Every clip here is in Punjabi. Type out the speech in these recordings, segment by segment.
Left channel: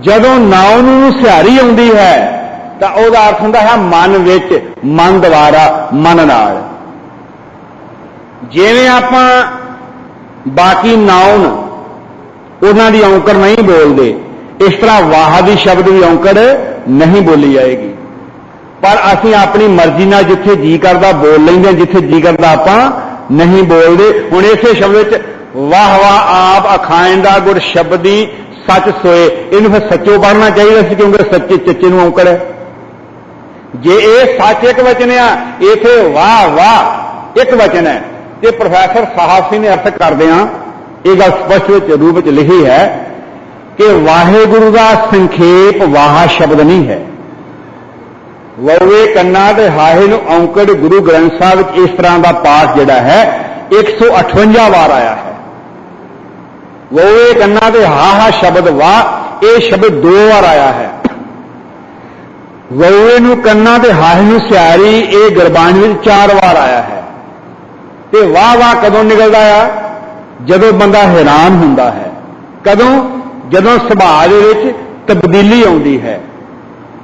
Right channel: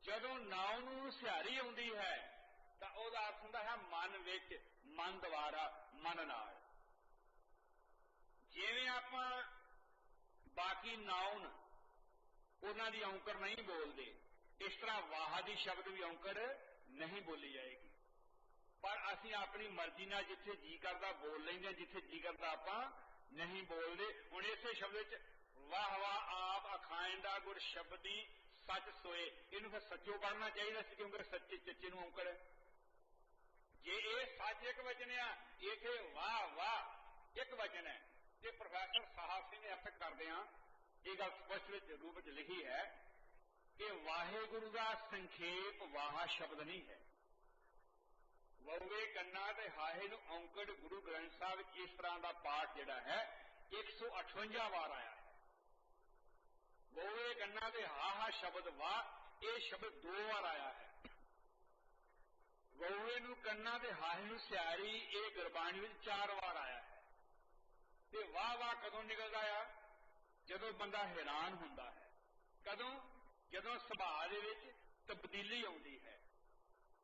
ਜਦੋਂ ਨਾਉ ਨੂੰ ਸਿਹਾਰੀ ਆਉਂਦੀ ਹੈ, ਤਾਂ ਉਹਦਾ ਅਰਥ ਹੁੰਦਾ ਹੈ ਮਨ ਵਿੱਚ ਮਨ ਦੁਆਰਾ, ਮਨ ਨਾਲ। ਜਿਵੇਂ ਆਪਾਂ ਬਾਕੀ ਨਾਉਨ ਉਹਨਾਂ ਦੀ ਔਂਕੜ ਨਹੀਂ ਬੋਲਦੇ, ਇਸ ਤਰ੍ਹਾਂ ਵਾਹ ਦੀ ਸ਼ਬਦ ਦੀ ਔਂਕੜ ਨਹੀਂ ਬੋਲੀ ਜਾਏਗੀ। ਪਰ ਅਸੀਂ ਆਪਣੀ ਮਰਜ਼ੀ ਨਾਲ ਜਿੱਥੇ ਜੀ ਕਰਦਾ ਬੋਲ ਲੈਂਦੇ ਹਾਂ, ਜਿੱਥੇ ਜੀ ਕਰਦਾ ਆਪਾਂ ਨਹੀਂ ਬੋਲਦੇ। ਹੁਣ ਇਸੇ ਸ਼ਬਦ ਵਿੱਚ ਵਾਹ ਵਾਹ ਆਪ ਅਖਾਇਣ ਦਾ ਗੁਰ ਸ਼ਬਦੀ ਸੱਚ ਸੋਏ, ਇਹਨੂੰ ਫਿਰ ਸੱਚੋ ਬਣਨਾ ਚਾਹੀਦਾ ਸੀ ਕਿਉਂਕਿ ਸੱਚੇ ਚੱਚੇ ਨੂੰ ਔਂਕੜ ਹੈ। ਜੇ ਇਹ ਸੱਚ ਇੱਕ ਵਚਨ ਆ, ਇਥੇ ਵਾਹ ਵਾਹ, ਇੱਕ ਵਚਨ ਹੈ। ਤੇ ਪ੍ਰੋਫੈਸਰ ਸਾਹਿਬ ਸਿੰਘ ਨੇ ਅਰਥ ਕਰਦੇ ਆ ਇਹ ਗੱਲ ਸਪਸ਼ਟ ਵਿੱਚ ਰੂਪ ਵਿੱਚ ਲਿਖੀ ਹੈ ਕਿ ਵਾਹਿਗੁਰੂ ਦਾ ਸੰਖੇਪ ਵਾਹ ਸ਼ਬਦ ਨਹੀਂ ਹੈ। ਵਉਏ ਕੰਨਾ ਤੇ ਹਾਹੇ ਨੂੰ ਔਂਕੜ ਗੁਰੂ ਗ੍ਰੰਥ ਸਾਹਿਬ ਵਿੱਚ ਇਸ ਤਰ੍ਹਾਂ ਦਾ ਪਾਠ ਜਿਹੜਾ ਹੈ 158 ਵਾਰ ਆਇਆ ਹੈ। ਵਉਏ ਕੰਨਾ ਤੇ ਹਾਹਾ ਸ਼ਬਦ ਵਾਹ ਇਹ ਸ਼ਬਦ ਦੋ ਵਾਰ ਆਇਆ ਹੈ। ਵਉਏ ਨੂੰ ਕੰਨਾ ਤੇ ਹਾਹੇ ਨੂੰ ਸਿਆਰੀ, ਇਹ ਗੁਰਬਾਣੀ ਵਿੱਚ ਚਾਰ ਵਾਰ ਆਇਆ ਹੈ। ਤੇ ਵਾਹ ਵਾਹ ਕਦੋਂ ਨਿਕਲਦਾ ਆ? ਜਦੋਂ ਬੰਦਾ ਹੈਰਾਨ ਹੁੰਦਾ ਹੈ। ਕਦੋਂ? ਜਦੋਂ ਸੁਭਾਅ ਦੇ ਵਿੱਚ ਤਬਦੀਲੀ ਆਉਂਦੀ ਹੈ।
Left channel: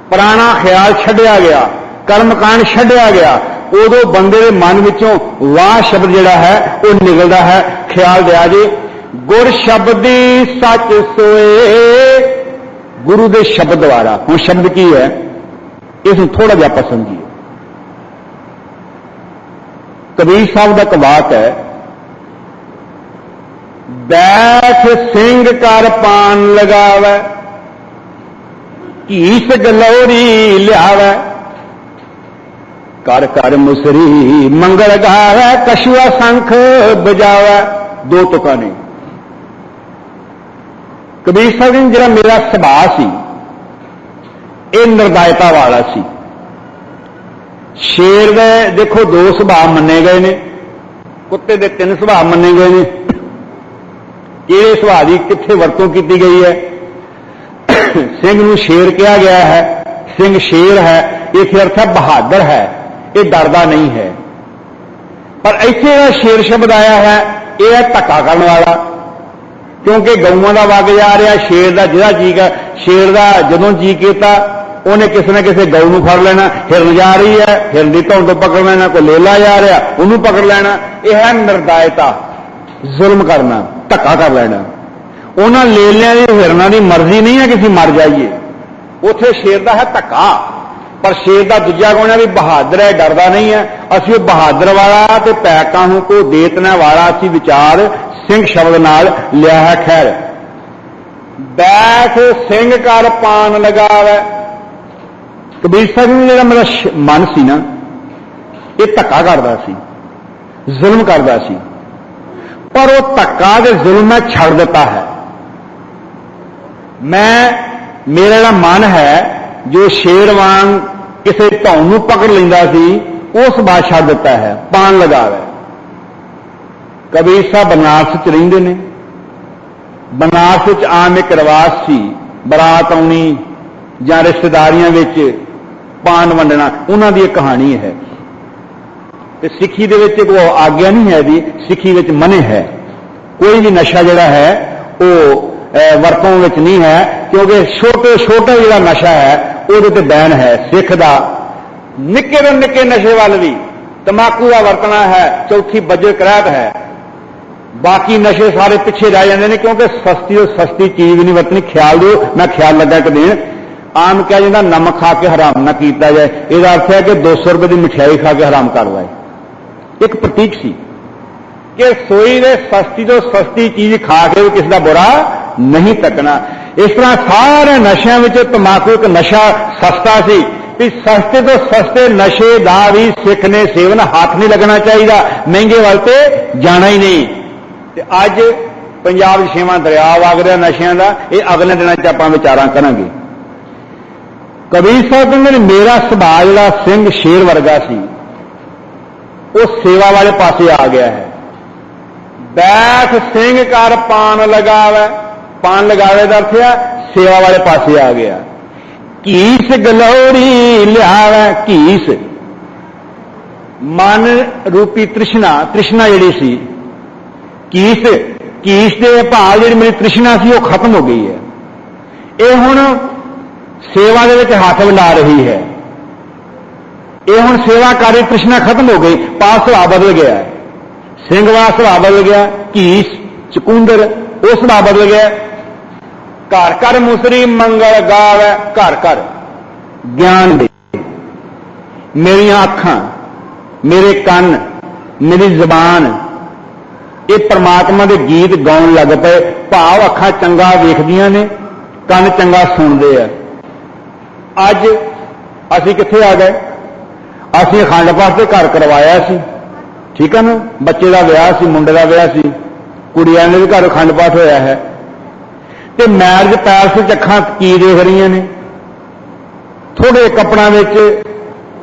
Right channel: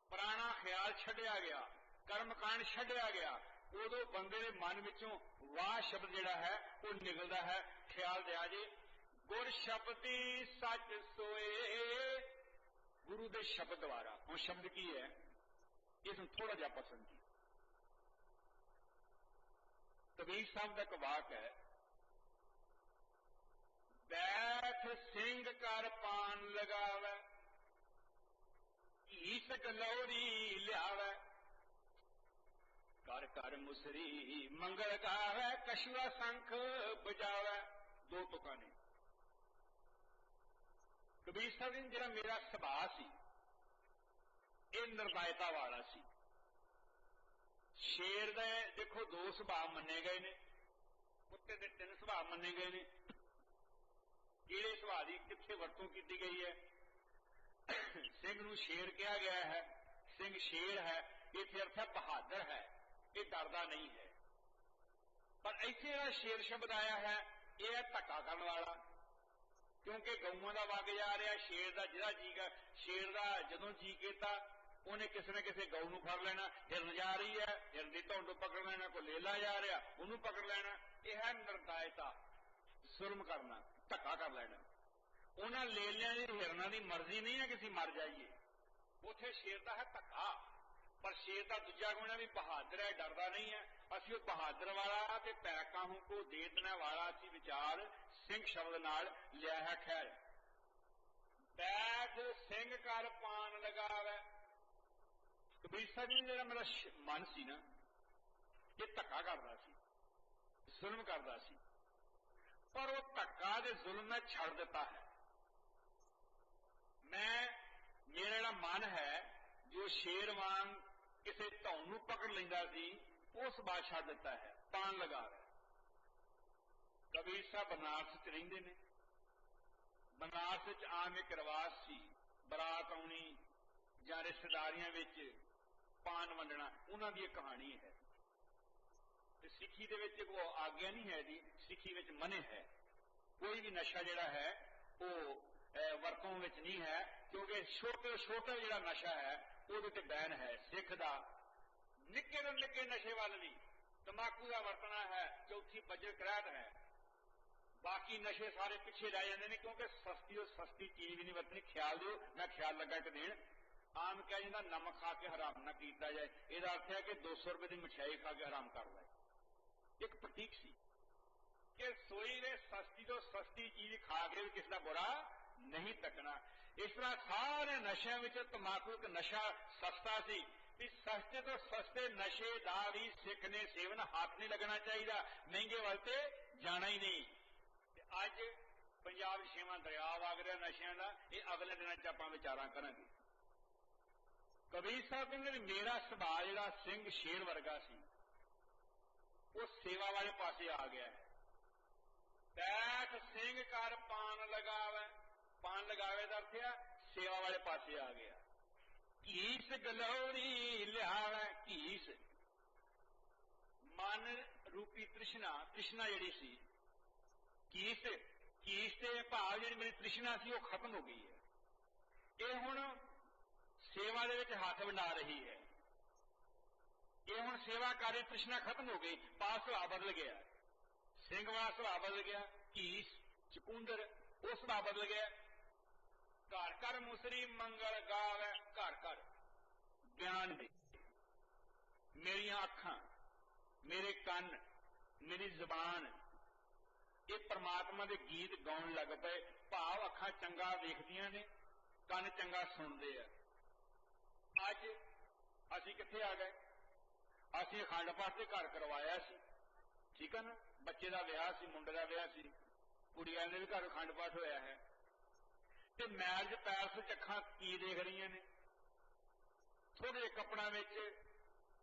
ਪੁਰਾਣਾ ਖਿਆਲ ਛੱਡਿਆ ਗਿਆ, ਕਰਮਕਾਂਡ ਛੱਡਿਆ ਗਿਆ, ਉਦੋਂ ਬੰਦੇ ਦੇ ਮਨ ਵਿੱਚੋਂ ਵਾਹ ਸ਼ਬਦ ਜਿਹੜਾ ਹੈ, ਉਹ ਨਿਕਲਦਾ ਹੈ। ਖਿਆਲ ਦਿਆ ਜੇ ਗੁਰ ਸ਼ਬਦੀ ਸੱਚ ਸੋਏ। ਗੁਰੂ ਦੇ ਸ਼ਬਦ ਦੁਆਰਾ। ਹੁਣ ਸ਼ਬਦ ਕੀ ਹੈ? ਇਸ ਨੂੰ ਥੋੜਾ ਜਿਹਾ ਆਪਾਂ ਸਮਝੀਏ। ਕਬੀਰ ਸਾਹਿਬ ਦਾ ਕਵਾਤ ਹੈ, ਬੈਠ ਸਿੰਘ ਕਰ ਪਾਨ ਲਗਾਵੇ ਕੀਸ ਗਲੌਰੀ ਲਿਆਵੇ। ਕਰ ਕਰ ਮੁਸਰੀ ਮੰਗਲ ਗਾਵੇ ਕਸ਼ੂਆ ਸੰਖ ਬਜਾਵੇ। ਦੋ ਤੁਕਾਂ ਨੇ। ਕਬੀਰ ਸਾਹਿਬ ਜੀ ਜਿਹੜਾ ਮੇਰਾ ਸੁਭਾਅ ਸੀ, ਇਹ ਨਿਰਦਾਇਤਾ ਵਾਲਾ ਸੀ। ਸ਼ੇਰ ਦੇ ਦੇਖੋ ਦੋ ਸੁਭਾਅ ਮੰਨੇ ਗਏ ਨੇ, ਕੁੱਤੇ ਦੇ ਤਿੰਨ ਸੁਭਾਅ ਮੰਨੇ ਗਏ ਨੇ। ਕਿਹੜੇ ਸੁਭਾਅ ਦੀ, ਕਿੱਥੇ ਵਰਤੋਂ ਕੀਤੀ ਗਈ ਹੈ? ਸਿੰਘ ਨੂੰ ਸ਼ੇਰ ਕਿਹਾ ਗਿਆ ਹੈ, ਸਿੰਘ ਸ਼ੇਰ ਹੈ ਇਹ ਅਰਥ ਹੈ ਬਹਾਦਰ ਹੈ, ਇਹ ਡਰਦਾ ਨਹੀਂ ਹੈ। ਪਰ ਇੱਥੇ ਜਿਹੜਾ ਸ਼ੇਰ ਸ਼ਬਦ ਆਇਆ ਹੈ, ਇਹ ਹੈ ਧੱਕਾ ਕਰਨ ਵਾਲਾ। ਕਿਉਂਕਿ ਗਊਆਂ ਦਾ ਵਗ ਜਾ ਰਿਹਾ, ਸ਼ੇਰ ਦਾ ਜਿਹੜਾ ਜੀਕ ਹੈ ਸ਼ੇਰ ਦਾ ਜਦੋਂ ਜੀ ਕੀਤਾ, ਉਹਨੇ ਕਿਸੇ ਨਾ ਕਿਸੇ ਗਊ ਨੂੰ ਫੜ ਲੈਣਾ। ਹਿਰਨ ਜਾ ਰਹੀ ਹੈ, ਹਿਰਨ ਦੀ ਧੌਣ ਤੋਂ ਪਕੜ ਲੈਣਾ, ਕੋਈ ਲੇਲਾ ਜਾ ਰਿਹਾ, ਉਹਨੂੰ ਪਕੜ ਲੈਣਾ। ਇਹ ਹੈ ਨਿਰਦਾਇਤਾ, ਜ਼ੁਲਮ ਕਰਨਾ, ਧੱਕਾ ਕਰ ਲੈਣਾ। ਉਹਨਾਂ ਲੇਲਿਆਂ ਦੀ, ਹਿਰਨਾਂ ਦੀ ਮਰਜ਼ੀ ਨਹੀਂ ਹੈ ਕਿ ਅਸੀਂ ਮਰ ਜਾਈਏ। ਉਥੇ ਸ਼ੇਰ ਦਾ ਹੈ ਧੱਕਾ। ਪਰ ਸ਼ੇਰ ਦਾ ਦੂਜਾ ਗੁਣ ਹੈ ਵੀ ਬਹਾਦਰ ਹੈ, ਡਰਦਾ ਨਹੀਂ ਹੈ। ਅਸੀਂ ਉਹ ਬਹਾਦਰ ਵਾਲਾ ਤੇ ਪੈਕਾਂ ਨੂੰ ਕੋ ਦੇਤਨਾ ਵਾਲਾ ਅਸੀਂ ਵਿਚਾਰ ਸਿੰਘ ਸ਼ਬਦ ਨਾਲ ਲਿਆ ਹੈ ਖੈਰ। ਬੈਠ ਸਿੰਘ ਕਰ ਪਾਨ ਲਗਾਵੇ। ਕਬੀਰ ਸਾਹਿਬ ਨੂੰ ਜਿਹੜਾ ਮੇਰਾ ਮਨ ਸੀ ਨਾ, ਇਹ ਧੱਕਾ ਕਰਦਾ ਸੀ, ਜ਼ੁਲਮ ਕਰਦਾ ਸੀ। ਪਰ ਉਹ ਧੱਕਾ ਤੇ ਜ਼ੁਲਮ ਮੈਂ ਛੱਡ ਦਿੱਤਾ ਹੈ। ਮੈਂ, ਮੇਰਾ ਜਿਹੜਾ ਮਨ ਹੈ, ਜੋ ਸ਼ੇਰ ਵਾਂਗ ਕਿਸੇ ਧੌਣ ਨੂੰ ਪਕੜ ਲੈਂਦਾ ਸੀ ਉਸ ਬਾਤ ਛੱਡ ਦਿੱਤਾ ਹੈ ਪਾਣ ਲਗਾਵੇ ਕਬੀਰ ਸਾਹਿਬ ਬਨਾਰਸ ਚ ਰਹਿੰਦੇ ਨੇ। ਬਨਾਰਸ ਵਿੱਚ ਆਮ ਇੱਕ ਰਿਵਾਜ ਸੀ ਬਰਾਤ ਆਉਣੀ ਜਾਂ ਰਿਸ਼ਤੇਦਾਰੀਆਂ ਵਿੱਚ ਪਾਨ ਵੰਡਣਾ ਉਹਨਾਂ ਦੀ ਇੱਕ ਕਹਾਣੀ ਹੈ। ਤੇ ਸਿੱਖੀ ਦੇ ਵਿੱਚ ਕੋਈ ਆਗਿਆ ਨਹੀਂ ਹੈ ਦੀ ਸਿੱਖੀ ਵਿੱਚ ਮਨੇ ਹੈ। ਕੋਈ ਵੀ ਨਸ਼ਾ ਜਿਹੜਾ ਹੈ ਉਹ ਅਹ, ਵਰਤੋਂ ਵਿੱਚ ਨਹੀਂ ਹੈ ਕਿਉਂਕਿ ਛੋਟੇ ਛੋਟਾ ਜਿਹੜਾ ਨਸ਼ਾ ਹੈ ਉਹਦੇ ਤੇ ਬੈਨ ਹੈ, ਸਿੱਖ ਦਾ। ਨਿੱਕੇ ਤੋਂ ਨਿੱਕੇ ਨਸ਼ੇ ਵੱਲ ਵੀ ਤਮਾਕੂ ਦਾ ਵਰਤਣਾ ਹੈ, ਚੌਥੀ ਬੱਜਰ ਕਰਾਤ ਹੈ। ਬਾਕੀ ਨਸ਼ੇ ਸਾਰੇ ਪਿੱਛੇ ਰਹਿ ਜਾਂਦੇ ਨੇ, ਕਿਉਂਕਿ ਸਸਤੀ ਤੋਂ ਸਸਤੀ ਚੀਜ਼ ਵੀ ਨਹੀਂ ਵਰਤਣੀ। ਖਿਆਲ ਦਿਓ ਮੈਂ ਖਿਆਲ ਲੱਗਾ ਕਿ ਦੇਣ ਆਮ ਕਿਹਾ ਜਾਂਦਾ, ਨਮਕ ਖਾ ਕੇ ਹਰਾਮ ਨਾ ਕੀਤਾ ਜਾਏ। ਇਹਦਾ ਅਰਥ ਹੈ ਕਿ 200 ਰੁਪਏ ਦੀ ਮਠਿਆਈ ਖਾ ਕੇ ਹਰਾਮ ਕਰ ਲਏ ਇੱਕ ਪ੍ਰਤੀਕ ਸੀ ਕਿ ਸੋਈ ਦੇ ਸਸਤੀ ਤੋਂ ਸਸਤੀ ਚੀਜ਼ ਖਾ ਕੇ ਵੀ ਕਿਸੇ ਦਾ ਬੁਰਾ ਨਹੀਂ ਤੱਕਣਾ। ਇਸ ਤਰ੍ਹਾਂ ਸਾਰੇ ਨਸ਼ਿਆਂ ਵਿੱਚ ਤਮਾਕੂ ਇੱਕ ਨਸ਼ਾ ਸਸਤਾ ਸੀ ਵੀ ਸਸਤੇ ਤੋਂ ਸਸਤੇ ਨਸ਼ੇ ਦਾ ਵੀ ਸਿੱਖ ਨੇ ਸੇਵਨ ਹੱਥ ਨਹੀਂ ਲੱਗਣਾ ਚਾਹੀਦਾ, ਮਹਿੰਗੇ ਵੱਲ ਤੇ ਜਾਣਾ ਹੀ ਨਹੀਂ। ਤੇ ਅੱਜ ਪੰਜਾਬ 'ਚ ਛੇਵਾਂ ਦਰਿਆ ਵਗ ਰਿਹਾ ਨਸ਼ਿਆਂ ਦਾ, ਇਹ ਅਗਲੇ ਦਿਨਾਂ 'ਚ ਆਪਾਂ ਵਿਚਾਰਾਂ ਕਰਾਂਗੇ। ਕਬੀਰ ਸਾਹਿਬ ਕਹਿੰਦੇ ਨੇ, ਮੇਰਾ ਸੁਭਾਅ ਜਿਹੜਾ ਸਿੰਘ ਸ਼ੇਰ ਵਰਗਾ ਸੀ। ਉਹ ਸੇਵਾ ਵਾਲੇ ਪਾਸੇ ਆ ਗਿਆ ਹੈ। ਬੈਠ ਸਿੰਘ ਕਰ ਪਾਨ ਲਗਾਵੇ। ਪਾਣ ਲਗਾਵੇ ਦਾ ਅਰਥ ਹੈ ਸੇਵਾ ਵਾਲੇ ਪਾਸੇ ਆ ਗਿਆ। ਕੀਸ ਗਲੋਰੀ ਲਿਆਵੇ ਕੀਸ। ਮਨ ਰੂਪੀ ਤ੍ਰਿਸ਼ਨਾ ਤ੍ਰਿਸ਼ਨਾ ਜਿਹੜੀ ਸੀ, ਕੀਸ ਕੀਸ ਦੇ ਭਾਵ ਜਿਹੜੀ ਮੇਰੀ ਤ੍ਰਿਸ਼ਨਾ ਸੀ, ਉਹ ਖਤਮ ਹੋ ਗਈ ਹੈ। ਇਹ ਹੁਣ ਸੇਵਾ ਦੇ ਵਿੱਚ ਹੱਥ ਵੰਡਾ ਰਹੀ ਹੈ। ਇਹ ਹੁਣ ਸੇਵਾ ਕਾਰੀ ਤ੍ਰਿਸ਼ਨਾ ਖਤਮ ਹੋ ਗਈ ਪਾਸ ਸੁਭਾਅ ਬਦਲ ਗਿਆ। ਸਿੰਘ ਦਾ ਸੁਭਾਅ ਬਦਲ ਗਿਆ, ਕੀਸ, ਚਕੁੰਦਰ, ਉਹ ਸੁਭਾਅ ਬਦਲ ਗਿਆ। ਘਰ ਘਰ ਮੁਸਰੀ ਮੰਗਲ ਗਾਵੇ, ਘਰ ਘਰ ਗਿਆਨ ਦੇ। ਮੇਰੀਆਂ ਅੱਖਾਂ, ਮੇਰੇ ਕੰਨ, ਮੇਰੀ ਜ਼ਬਾਨ, ਇਹ ਪ੍ਰਮਾਤਮਾ ਦੇ ਗੀਤ ਗਾਉਣ ਲੱਗ ਪਏ। ਭਾਵ ਅੱਖਾਂ ਚੰਗਾ ਵੇਖਦੀਆਂ ਨੇ, ਕੰਨ ਚੰਗਾ ਸੁਣਦੇ ਆ। ਅੱਜ ਅਸੀਂ ਕਿੱਥੇ ਆ ਗਏ? ਅਸੀਂ ਅਖੰਡ ਪਾਠ ਤੇ ਘਰ ਕਰਵਾਇਆ ਸੀ। ਠੀਕ ਹੈ ਨਾ? ਬੱਚੇ ਦਾ ਵਿਆਹ ਸੀ, ਮੁੰਡੇ ਦਾ ਵਿਆਹ ਸੀ। ਕੁੜੀਆਂ ਦੇ ਵੀ ਘਰ ਅਖੰਡ ਪਾਠ ਹੋਇਆ ਹੈ। ਤੇ ਮੈਰਿਜ ਪੈਲਸ ਵਿੱਚ ਅੱਖਾਂ ਕੀ ਦੇਖ ਰਹੀਆਂ ਨੇ? ਥੋੜੇ ਕੱਪੜਾਂ ਵਿੱਚ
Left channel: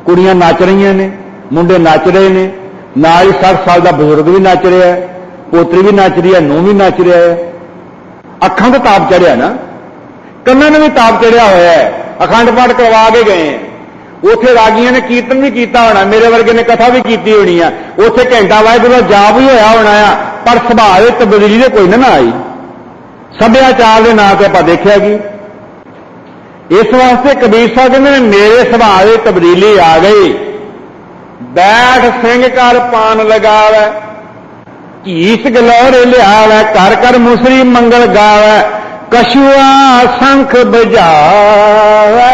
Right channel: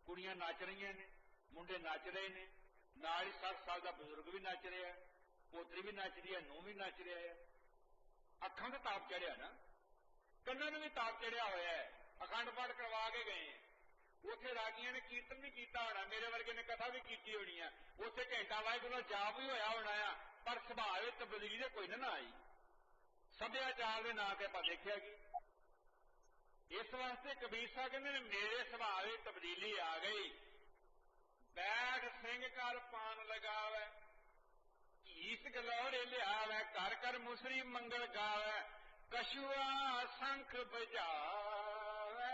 ਕੁੜੀਆਂ ਨੱਚ ਰਹੀਆਂ ਨੇ, ਮੁੰਡੇ ਨੱਚ ਰਹੇ ਨੇ, ਨਾਲ ਹੀ 60 ਸਾਲ ਦਾ ਬਜ਼ੁਰਗ ਵੀ ਨੱਚ ਰਿਹਾ ਹੈ, ਪੋਤਰੀ ਵੀ ਨੱਚ ਰਹੀ ਹੈ, ਨੂੰਹ ਵੀ ਨੱਚ ਰਿਹਾ ਹੈ। ਅੱਖਾਂ ਤੇ ਤਾਪ ਚੜਿਆ ਨਾ। ਕੰਨਾਂ ਨੂੰ ਵੀ ਤਾਪ ਚੜਿਆ ਹੋਇਆ ਹੈ। ਅਖੰਡ ਪਾਠ ਕਰਵਾ ਕੇ ਗਏ। ਹੈ। ਉੱਥੇ ਰਾਗੀਆਂ ਨੇ ਕੀਰਤਨ ਵੀ ਕੀਤਾ ਹੋਣਾ, ਮੇਰੇ ਵਰਗੇ ਨੇ ਕਥਾ ਵੀ ਕੀਤੀ ਹੋਣੀ ਆ। ਉੱਥੇ ਘੰਟਾ ਵਾਹਿਗੁਰੂ ਦਾ ਜਾਪ ਵੀ ਹੋਇਆ ਹੋਣਾ ਆ, ਪਰ ਸੁਭਾਅ ਦੇ ਤਬਦੀਲੀ ਦੇ ਕੋਈ ਨਾ ਆਈ। ਸੱਭਿਆਚਾਰ ਦੇ ਨਾਂ ਤੇ ਆਪਾਂ ਦੇਖਿਆ ਕੀ ਇਸ ਵਾਸਤੇ ਕਬੀਰ ਸਾਹਿਬ ਕਹਿੰਦੇ ਨੇ, ਮੇਰੇ ਸੁਭਾਅ ਦੇ ਤਬਦੀਲੀ ਆ ਗਈ। ਬੈਠ ਸਿੰਘ ਕਰ ਪਾਨ ਲਗਾਵੇ ਕੀਸ ਗਲੋਰੇ ਲਿਆਵੇ ਕਰ ਕਰ ਮੁਸਰੀ ਮੰਗਲ ਗਾਵੇ ਕਸ਼ੂਆ ਸੰਖ ਬਜਾਵੇ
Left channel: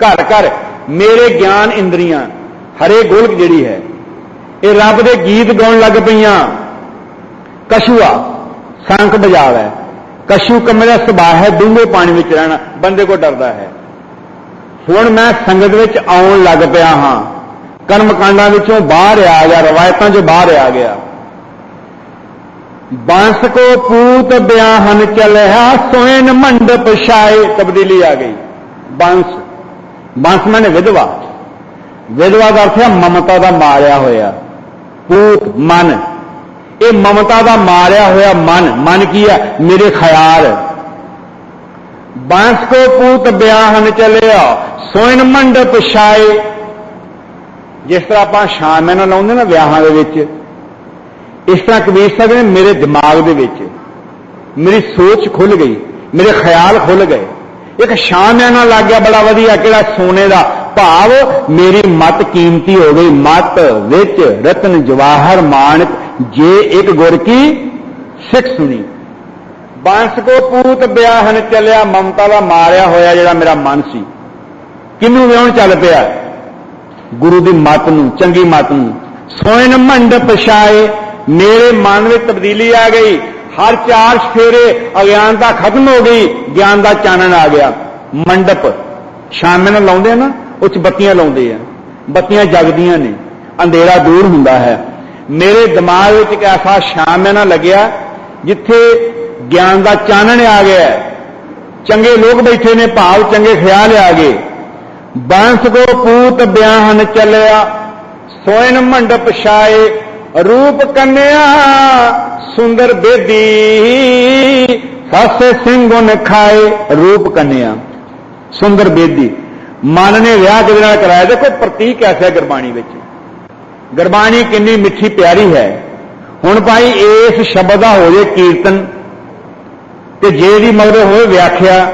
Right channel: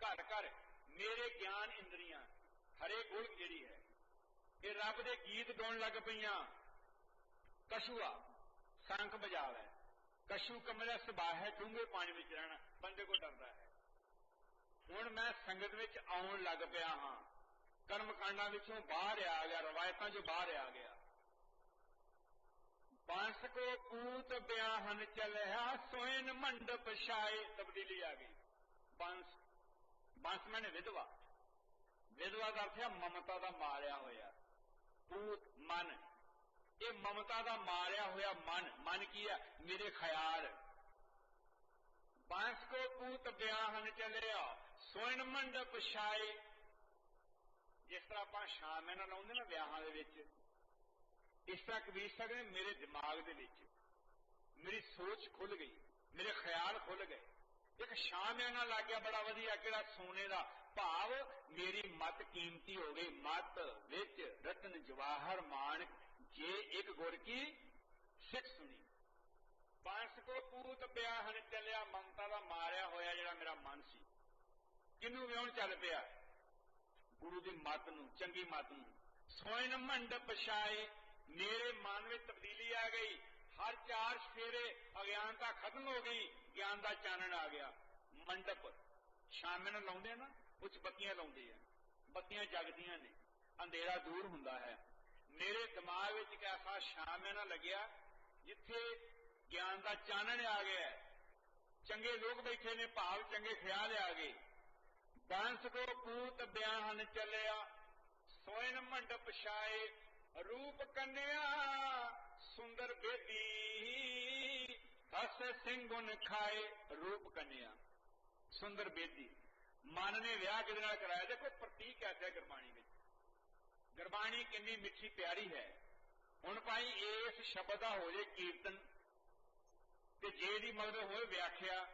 ਘਰ ਘਰ ਮੇਰੇ ਗਿਆਨ ਇੰਦਰੀਆਂ, ਹਰੇ ਗੋਲਕ ਜਿਹੜੀ ਹੈ, ਇਹ ਰੱਬ ਦੇ ਗੀਤ ਗਾਉਣ ਲੱਗ ਪਈਆਂ। ਕਸ਼ੂਆ ਸੰਖ ਬਜਾਵੇ ਕਛੂ ਕੰਮੇ ਦਾ ਸੁਭਾਅ ਹੈ, ਡੂੰਘੇ ਪਾਣੀ ਵਿੱਚ ਰਹਿਣਾ, ਬੰਦੇ ਕੋ ਡਰਦਾ ਹੈ। ਹੁਣ ਮੈਂ ਸੰਗਤ ਵਿੱਚ ਆਉਣ ਲੱਗ ਪਿਆ ਹਾਂ। ਕਰਮਕਾਂਡਾਂ ਵਿੱਚੋਂ ਬਾਹਰ ਆ ਗਿਆ, ਰਵਾਇਤਾਂ 'ਚੋਂ ਬਾਹਰ ਆ ਗਿਆ। ਬਾਂਸ ਕੋ ਪੂਤ ਬਿਆਹਨ ਚਲਿਆ, ਸੋਇਨ ਮੰਡਪ ਛਾਏ, ਤਬਦੀਲੀ ਆ ਗਈ। ਬਾਂਸ ਬਾਂਸ ਮਾਨੇ ਵਿਧਵਾ। ਵਿਧਵਾ ਦਾ ਅਰਥ ਹੈ ਮਮਤਾ ਦਾ ਮਾਰਿਆ ਹੋਇਆ। ਪੂਤ, ਮਨ। ਇਹ ਮਮਤਾ ਦਾ ਮਾਰਿਆ ਹੋਇਆ ਮਨ ਮਨ ਕੀ ਹੈ? ਮੇਰੇ ਖਿਆਲ। ਬਾਂਸ ਕੋ ਪੂਤ ਬਿਆਹਨ ਚਲਿਆ, ਸੋਇਨ ਮੰਡਪ ਛਾਏ। ਜਿਸ ਤਰ੍ਹਾਂ ਆਪਾਂ ਸ਼ਾਮ ਨਾਲ ਲਾਉਂਦੇ ਨਾ ਵਿਆਹਾਂ ਦੇ ਵਿੱਚ, ਇਸ ਤਰ੍ਹਾਂ ਕਬੀਰ ਸਾਹਿਬ ਨੇ ਮੇਰੇ ਦਿਮਾਗ ਦੇ ਵਿੱਚ, ਮੇਰੀ ਸੋਚ ਖੁੱਲ ਗਈ, ਮੇਰੇ ਖਿਆਲ ਖੁੱਲ ਗਏ। ਇੱਕ ਸ਼ਾਮਿਆਨਾ ਲੱਗ ਗਿਆ ਬੜਾ ਵਧੀਆ, ਕਿਹੜਾ ਸੋਨੇ ਦਾ ਭਾਵ, ਮੇਰੀ ਮਤ ਕੀਮਤੀ ਹੋ ਗਈ, ਮਤ ਵਿੱਚ ਰਤਨ ਜਵਾਹਰ ਮਾਨਕ ਜੇ ਇੱਕ ਗੁਰ ਕੀ ਸਿੱਖ ਸੁਣੀ। ਬਾਂਸ ਕੋ ਪੂਤ ਬਿਆਹਨ ਚੱਲਿਆ, ਮਮਤਾ ਦਾ ਮਾਰਿਆ ਹੋਇਆ ਜਿਹੜਾ ਮੇਰਾ ਮਨ ਸੀ। ਕਿਹਨੂੰ ਵਿਆਹਣ ਚੱਲ ਪਿਆ? ਗੁਰੂ ਦੀ ਮਤ ਨੂੰ, ਚੰਗੀ ਮਤ ਨੂੰ। ਸੋਇਨ ਮੰਡ ਪਛਾਏ, ਮੇਰੇ ਮਨ ਵਿੱਚ ਤਬਦੀਲੀ ਆ ਗਈ। ਹਰ ਚਾਰ ਸਫੇਰੇ ਅਗਿਆਨਤਾ ਖਤਮ ਹੋ ਗਈ, ਗਿਆਨ ਦਾ ਚਾਨਣ ਆ ਗਿਆ। ਮੰਡਪ ਸ਼ਾਮੇ ਨੂੰ ਲਾਉਂਦੇ ਆ ਨਾ, ਉਹ ਚ ਬੱਤੀਆਂ ਲਾਉਂਦੇ ਆ। ਬੱਤੀਆਂ ਜਗਦੀਆਂ ਨੇ। ਅੰਧੇਰਾ ਦੂਰ ਹੁੰਦਾ ਹੈ। ਮੇਰੇ ਦਿਮਾਗ ਵਿੱਚ ਇੱਕ ਐਸਾ ਸ਼ਾਮੇ ਨਾ ਲੱਗਿਆ ਜਿੱਥੇ ਗਿਆਨ ਦਾ ਚਾਨਣ ਆ ਗਿਆ ਚੰਗੇ ਲੋਕ ਬੈਠੇ ਨੇ, ਭਾਵ ਚੰਗੇ ਖਿਆਲ ਆ ਗਏ। ਬਾਂਸ ਕੋ ਪੂਤ ਬਿਆਹਨ ਚੱਲਿਆ, ਸੋਇਨ ਮੰਡਪ ਛਾਏ, ਰੂਪ ਕੰਨਿਆ, ਸੁੰਦਰ ਬੇਦੀ, ਸਾਸੇ ਸਿੰਘੁਨ ਖਾਏ, ਰੂਪ ਕੰਨਿਆ, ਸੁੰਦਰ ਬੇਦੀ। ਮਨ ਨੇ ਵਿਆਹ ਕਿਹਦੇ ਨਾਲ ਕਰਾਇਆ। ਦੇਖੋ ਪ੍ਰਤੀਕ ਐਸਾ ਗੁਰਬਾਣੀ ਵਿੱਚ। ਗੁਰਬਾਣੀ ਕਿੰਨੀ ਮਿੱਠੀ ਪਿਆਰੀ ਹੈ। ਹੁਣ ਭਾਈ ਇਸ ਸ਼ਬਦ ਦਾ ਹੋ ਜੇ ਕੀਰਤਨ, ਤੇ ਜੇ ਦੀ ਮਗਰ ਹੋਏ ਵਿਆਖਿਆ,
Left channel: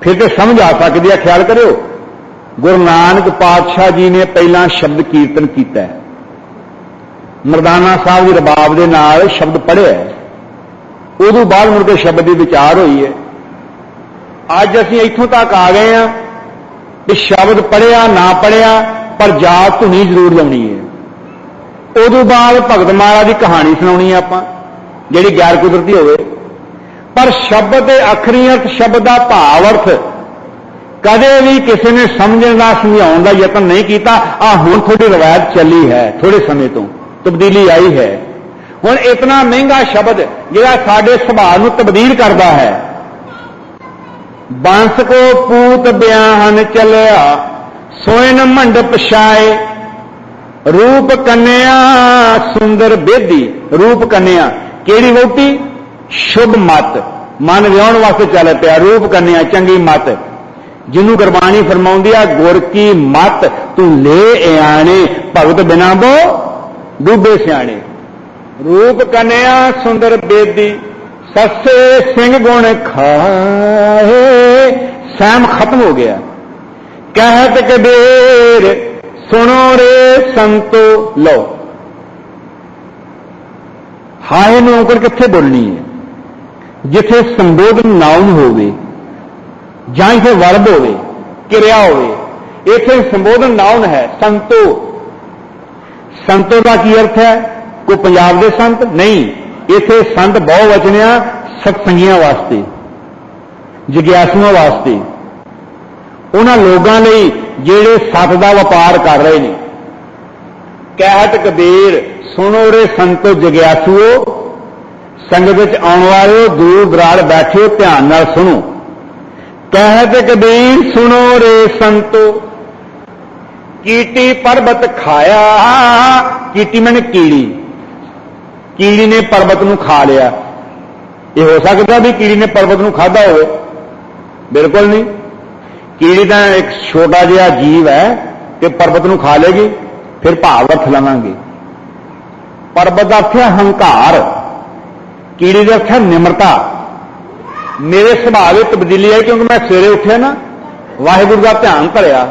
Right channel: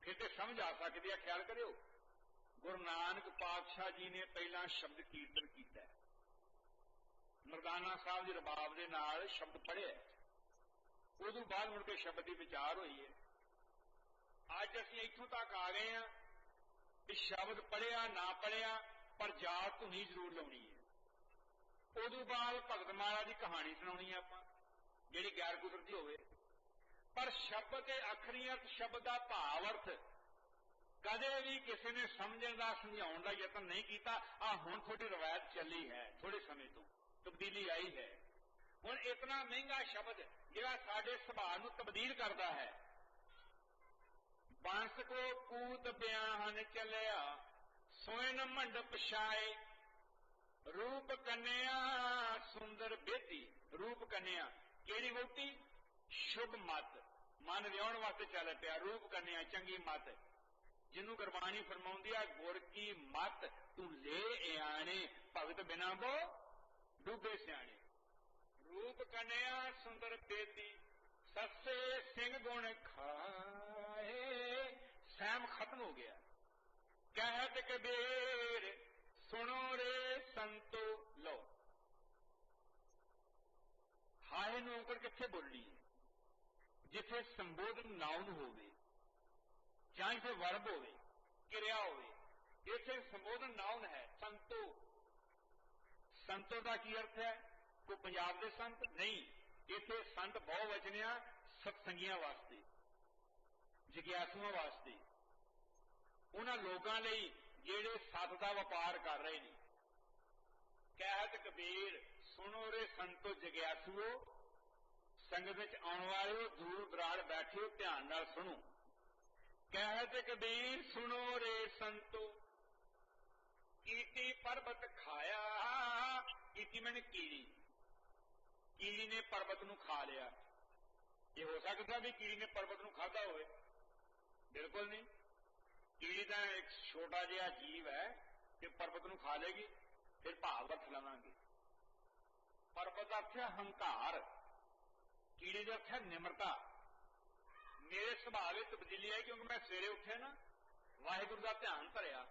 ਫਿਰ ਤੇ ਸਮਝ ਆ ਸਕਦੀ ਹੈ ਖਿਆਲ ਕਰਿਓ। ਗੁਰੂ ਨਾਨਕ ਪਾਤਸ਼ਾਹ ਜੀ ਨੇ ਪਹਿਲਾਂ ਸ਼ਬਦ ਕੀਰਤਨ ਕੀਤਾ ਹੈ। ਮਰਦਾਨਾ ਸਾਹਿਬ ਦੀ ਰਬਾਬ ਦੇ ਨਾਲ ਸ਼ਬਦ ਪੜ੍ਹਿਆ ਹੈ। ਉਦੋਂ ਬਾਅਦ ਮੁੜ ਕੇ ਸ਼ਬਦ ਦੀ ਵਿਚਾਰ ਹੋਈ ਹੈ। ਅੱਜ ਅਸੀਂ ਇੱਥੋਂ ਤੱਕ ਆ ਗਏ ਆ ਕਿ ਸ਼ਬਦ ਪੜ੍ਹਿਆ, ਨਾ ਪੜ੍ਹਿਆ, ਪਰ ਜਾਤ ਧੁਨੀ ਜ਼ਰੂਰ ਲਾਉਣੀ ਹੈ। ਉਦੋਂ ਬਾਅਦ ਭਗਤ ਮਹਾਰਾਜ ਦੀ ਕਹਾਣੀ ਸੁਣਾਉਣੀ ਹੈ ਆਪਾਂ, ਜਿਹੜੀ ਗੈਰ ਕੁਦਰਤੀ ਹੋਵੇ। ਪਰ ਸ਼ਬਦ ਦੇ ਅਖਰੀ ਅਰਥ ਸ਼ਬਦ ਦਾ ਭਾਵ ਅਰਥ ਕਦੇ ਵੀ ਕਿਸੇ ਨੇ ਸਮਝਣ ਦਾ, ਸਮਝਾਉਣ ਦਾ ਯਤਨ ਨਹੀਂ ਕੀਤਾ, ਆ ਹੁਣ ਥੋੜੀ ਰਵਾਇਤ ਚੱਲੀ ਹੈ ਥੋੜੇ ਸਮੇਂ ਤੋਂ, ਤਬਦੀਲੀ ਆਈ ਹੈ। ਹੁਣ ਇਤਨਾ ਮਹਿੰਗਾ ਸ਼ਬਦ ਜਿਹੜਾ ਸਾਡੇ ਸੁਭਾਅ ਨੂੰ ਤਬਦੀਲ ਕਰਦਾ ਹੈ। ਬਾਂਸ ਕੋ ਪੂਤ ਬਿਆਹਨ ਚੱਲਿਆ, ਸੋਇਨ ਮੰਡਪ ਪਛਾਏ ਰੂਪ ਕੰਨਿਆ, ਸੁੰਦਰ ਬੇਦੀ, ਰੂਪ ਕੰਨਿਆ। ਕਿਹੜੀ ਵੋਟੀ ਸ਼ੁਭ ਮਤ। ਮਨ ਵਿਆਉਣ ਵਾਸਤੇ ਚੱਲ ਪਿਆ, ਰੂਪ ਕੰਨਿਆ, ਚੰਗੀ ਮਤ। ਜਿਹਨੂੰ ਗੁਰਬਾਣੀ ਫਰਮਾਉਂਦੀ ਆ, ਗੁਰ ਕੀ ਮਤ ਤੂੰ ਲੈ ਆਣੇ, ਭਗਤ ਬਿਨਾ ਬੋ ਡੂਬੇ ਸਿਆਣੇ। ਰੂਪ ਕੰਨਿਆ, ਸੁੰਦਰ ਬੇਦੀ, ਸੱਸੇ ਸਿੰਘ ਗੁਣ ਖਾਏ, ਸਹਿਮ ਖਤਮ ਹੋ ਗਿਆ। ਕਹਿਤ ਕਬੀਰ ਸੁਣੋ ਰੇ ਸੰਤੋ ਲਓ। ਹਾਏ ਨੂੰ ਔਂਕੜ ਕਿੱਥੇ ਬੋਲਣੀ ਹੈ? ਜਿੱਥੇ ਸੰਬੋਧਨ ਨਾਉਨ ਹੋਵੇ, ਜਾਂ ਇਥੇ ਵਰਬ ਹੋਵੇ, ਕਿਰਿਆ ਹੋਵੇ, ਇੱਥੇ ਸੰਬੋਧਨ ਨਾਉਨ ਹੈ, ਸੰਤੋ। ਸੰਤੋ ਦਾ ਕੀ ਅਰਥ ਹੈ? ਕੋਈ ਪੰਜਾਬ ਦੇ ਸੰਤ? ਨਹੀਂ। ਇੱਥੇ ਸੰਤ ਬਹੁ ਵਚਨਿਆ ਸਤਸੰਗੀਆਂ ਵਾਸਤੇ, ਜਿਗਿਆਸੂਆਂ ਵਾਸਤੇ। ਉਹਨਾਂ ਲੋਕਾਂ ਲਈ ਜਿਹੜੇ ਸਤ ਦਾ ਵਪਾਰ ਕਰ ਰਹੇ ਨੇ। ਕਹਿਤ ਕਬੀਰ, ਸੁਣੋ ਰੇ ਸੰਤੋ ਜਗਿਆਸੂਓ, ਸੰਗਤ ਵਿੱਚ ਆਉਣ ਵਾਲਿਓ ਦੂਰ ਦਰਾੜ ਬੈਠਿਓ ਧਿਆਨ ਨਾਲ ਸੁਣੋ। ਕਹਿਤ ਕਬੀਰ, ਸੁਣੋ ਰੇ ਸੰਤੋ ਕੀਟੀ ਪਰਬਤ ਖਾਇਆ ਕੀਟੀ ਮਨ ਕੀੜੀ। ਕੀੜੀ ਨੇ ਪਰਬਤ ਨੂੰ ਖਾ ਲਿਆ। ਇਹ ਹੋ ਸਕਦਾ ਵੀ ਕੀੜੀ ਨੇ ਪਰਬਤ ਨੂੰ ਖਾਦਾ ਹੋਵੇ। ਬਿਲਕੁਲ ਨਹੀਂ। ਕੀੜੀ ਤਾਂ ਇੱਕ ਛੋਟਾ ਜਿਹਾ ਜੀਵ ਹੈ ਕਿ ਪਰਬਤ ਨੂੰ ਖਾ ਲੇਗੀ, ਫਿਰ ਭਾਵ ਅਰਥ ਲਵਾਂਗੇ। ਪਰਬਤ ਦਾ ਅਰਥ ਹੈ ਹੰਕਾਰ, ਕੀੜੀ ਦਾ ਅਰਥ ਹੈ ਨਿਮਰਤਾ। ਮੇਰੇ ਸੁਭਾਅ ਵਿੱਚ ਤਬਦੀਲੀ ਆਈ ਕਿਉਂਕਿ ਮੈਂ ਸਵੇਰੇ ਉੱਠਿਆ ਨਾ, ਵਾਹਿਗੁਰੂ ਦਾ ਧਿਆਨ ਧਰਿਆ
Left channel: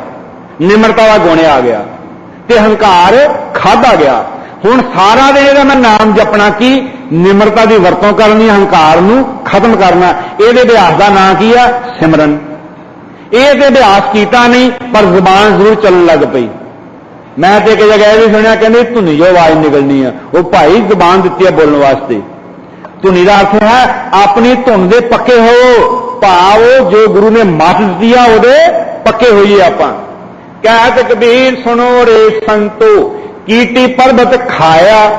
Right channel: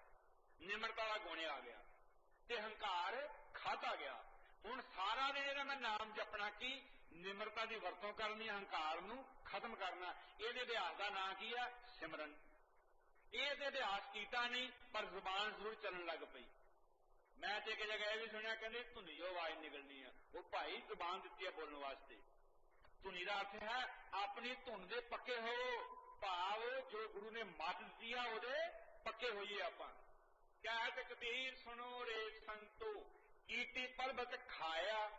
ਨਿਮਰਤਾ ਦਾ ਗੁਣ ਆ ਗਿਆ, ਤੇ ਹੰਕਾਰ ਖਾਦਾ ਗਿਆ। ਹੁਣ ਸਾਰਾ ਦਿਨ ਇਹਦਾ ਮੈਂ ਨਾਮ ਜਪਣਾ ਕੀ? ਨਿਮਰਤਾ ਦੀ ਵਰਤੋਂ ਕਰਨੀ, ਹੰਕਾਰ ਨੂੰ ਖਤਮ ਕਰਨਾ। ਇਹਦੇ ਅਭਿਆਸ ਦਾ ਨਾਂ ਕੀ ਆ? ਸਿਮਰਨ। ਇਹ ਤੇ ਅਭਿਆਸ ਕੀਤਾ ਨਹੀਂ, ਪਰ ਜ਼ੁਬਾਨ ਜ਼ਰੂਰ ਚੱਲਣ ਲੱਗ ਪਈ। ਮੈਂ ਤੇ ਇੱਕ ਜਗ੍ਹਾ ਇਹ ਵੀ ਸੁਣਿਆ, ਕਹਿੰਦੇ ਧੁਨੀ ਜੋ ਆਵਾਜ਼ ਨਿਕਲਣੀ ਆ। ਉਹ ਭਾਈ ਜ਼ੁਬਾਨ ਦਿੱਤੀ ਆ ਬੋਲਣ ਵਾਸਤੇ। ਧੁਨੀ ਦਾ ਅਰਥ ਹੈ, ਆਪਣੀ ਧੁਨ ਦੇ ਪੱਕੇ ਹੋ। ਭਾਵ ਜੋ ਗੁਰੂ ਨੇ ਮੱਤ ਦਿੱਤੀ ਆ, ਉਹਦੇ ਪੱਕੇ ਹੋਈਏ ਆਪਾਂ। ਕਹਿਤ ਕਬੀਰ ਸੁਣੋ ਰੇ ਸੰਤੋ, ਕੀਟੀ ਪਰਬਤ ਖਾਇਆ।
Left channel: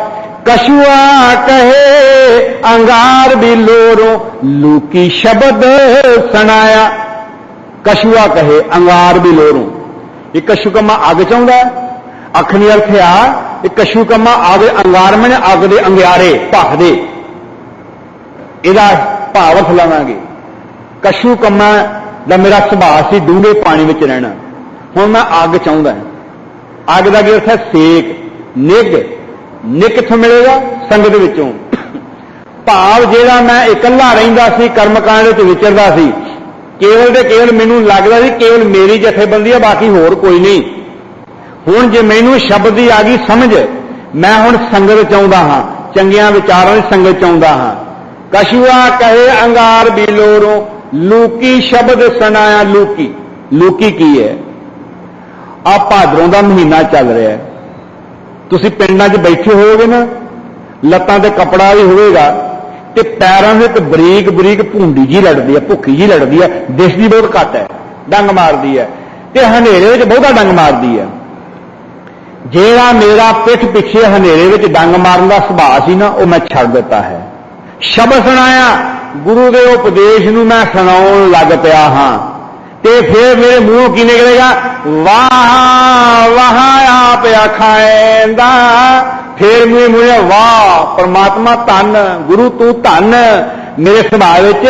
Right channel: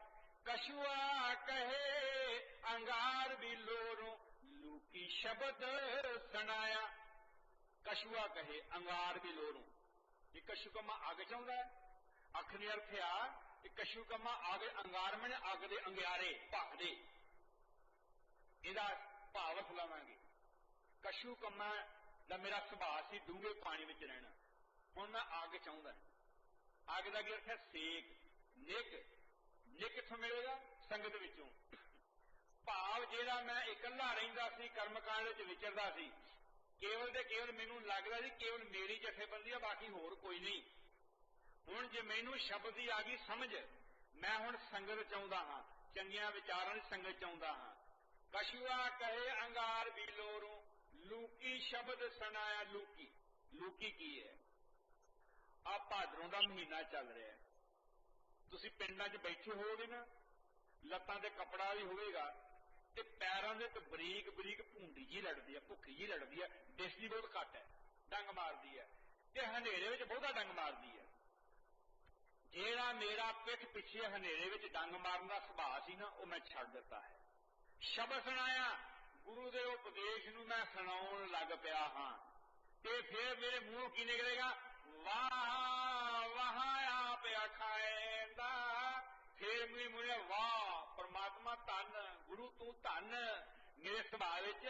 ਕਸ਼ੂਆ ਕਹੇ, ਅੰਗਾਰ ਵੀ ਲੋਰੋ, ਲੂਕੀ ਸ਼ਬਦ ਸੁਣਾਇਆ। ਕਸ਼ੂਆ ਕਹੇ, ਅੰਗਾਰ ਵੀ ਲੋਰੋ। ਇਹ ਕਸ਼ੂ ਕਮਾ ਅੱਗ ਚਾਹੁੰਦਾ ਅਖਨੀ ਅਰਥ ਆ, ਇਹ ਕਸ਼ੂ ਕਮਾ ਅੱਗ ਅੰਗਾਰ ਮਨੇ ਅੱਗ ਦੇ ਅੰਗਿਆਰੇ ਭਖਦੇ ਇਹਦਾ ਭਾਵ ਅਰਥ ਲਵਾਂਗੇ ਕਸ਼ੂ ਕੰਮਾਂ ਦਾ ਮੇਰਾ ਸੁਭਾਅ ਸੀ ਡੂੰਘੇ ਪਾਣੀ ਵਿੱਚ ਰਹਿਣਾ। ਹੁਣ ਮੈਂ ਅੱਗ ਚਾਹੁੰਦਾ ਅੱਗ ਦਾ ਕੀ ਅਰਥ ਹੈ? ਸੇਕ। ਨਿੱਗ ਨਿੱਗ ਕਿੱਥੋਂ ਮਿਲੇਗਾ? ਸੰਗਤ ਵਿੱਚੋਂ। ਭਾਵ ਜਿਹੜਾ ਮੈਂ ਇਕੱਲਾ ਰਹਿੰਦਾ ਸੀ, ਕਰਮਕਾਂਡ ਵਿੱਚ ਵਿਚਰਦਾ ਸੀ ਕੇਵਲ ਤੇ ਕੇਵਲ ਮੈਨੂੰ ਲੱਗਦਾ ਸੀ ਕੇਵਲ ਮੇਰੀ ਜਥੇਬੰਦੀ ਆ, ਬਾਕੀ ਹੋਰ ਕੋਈ ਨਹੀਂ। ਹੁਣ ਜੇ ਮੈਨੂੰ ਸ਼ਬਦ ਦੀ ਆ ਗਈ ਸਮਝ, ਮੈਂ ਹੁਣ ਸੰਗਤ ਚਾਹੁੰਦਾ ਹਾਂ, ਚੰਗੀਆਂ ਵਿਚਾਰਾਂ ਦੀ ਸੰਗਤ ਚਾਹੁੰਦਾ ਹਾਂ। ਕਸ਼ੂਆ ਕਹੇ ਅੰਗਾਰ ਬਿਲੋਰੋਂ ਲੂਕੀ ਸ਼ਬਦ ਸੁਣਾਇਆ ਲੂਕੀ। ਲੂਕੀ ਕੀ ਹੈ? ਆ ਭਾਦਰੋਂ ਦਾ ਮਹੀਨਾ ਚੱਲ ਰਿਹਾ ਹੈ। ਤੁਸੀਂ ਪਿੰਡਾਂ 'ਚ ਬੈਠੇ ਹੋਵੋਗੇ ਨਾ, ਲੱਤਾਂ ਤੇ ਕਪੜਾ ਵੀ ਹੋਵੇਗਾ ਤੇ ਪੈਰਾਂ ਦੇ ਤੇ ਬਰੀਕ ਬਰੀਕ ਭੁੰਡੀ ਜੀ ਲੜਦੀ ਹੈ ਭੁੱਖੀ ਜੀ ਲੜਦੀ ਹੈ ਦਿਸਦੀ ਬਹੁਤ ਘੱਟ ਹੈ, ਡੰਗ ਮਾਰਦੀ ਹੈ। ਤੇ ਹਨੇਰੇ ਵਿੱਚ ਬਹੁਤਾ ਡੰਗ ਮਾਰਦੀ ਹੈ। ਜਿਹੜਾ ਮੇਰਾ ਪਿੱਠ ਪਿੱਛੇ ਹਨੇਰੇ ਵਿੱਚ ਡੰਗ ਮਾਰਨ ਦਾ ਸੁਭਾਅ ਸੀ ਨਾ, ਉਹ ਮੈਂ ਛੱਡ ਦਿੱਤਾ ਹੈ। ਸ਼ਬਦ ਸੁਣਾਇਆ, ਗੁਰੂ ਦੇ ਉਪਦੇਸ਼ ਨੂੰ ਮੈਂ ਸੁਣਾਉਣ ਲੱਗ ਪਿਆ ਹਾਂ। ਤੇ ਫਿਰ ਮੇਰੇ ਮੂੰਹ ਕੀ ਨਿਕਲੇਗਾ? ਵਾਹ ਵਾਹ, ਆਪ ਆਖਾਂਦਾ ਫੇਰ ਮੇਰੇ ਮੂੰਹੋਂ ਵਾਹ, ਪਰਮਾਤਮਾ ਧੰਨ, ਗੁਰੂ ਤੂੰ ਧੰਨ। ਮੇਰੇ ਸੁਭਾਅ ਵਿੱਚ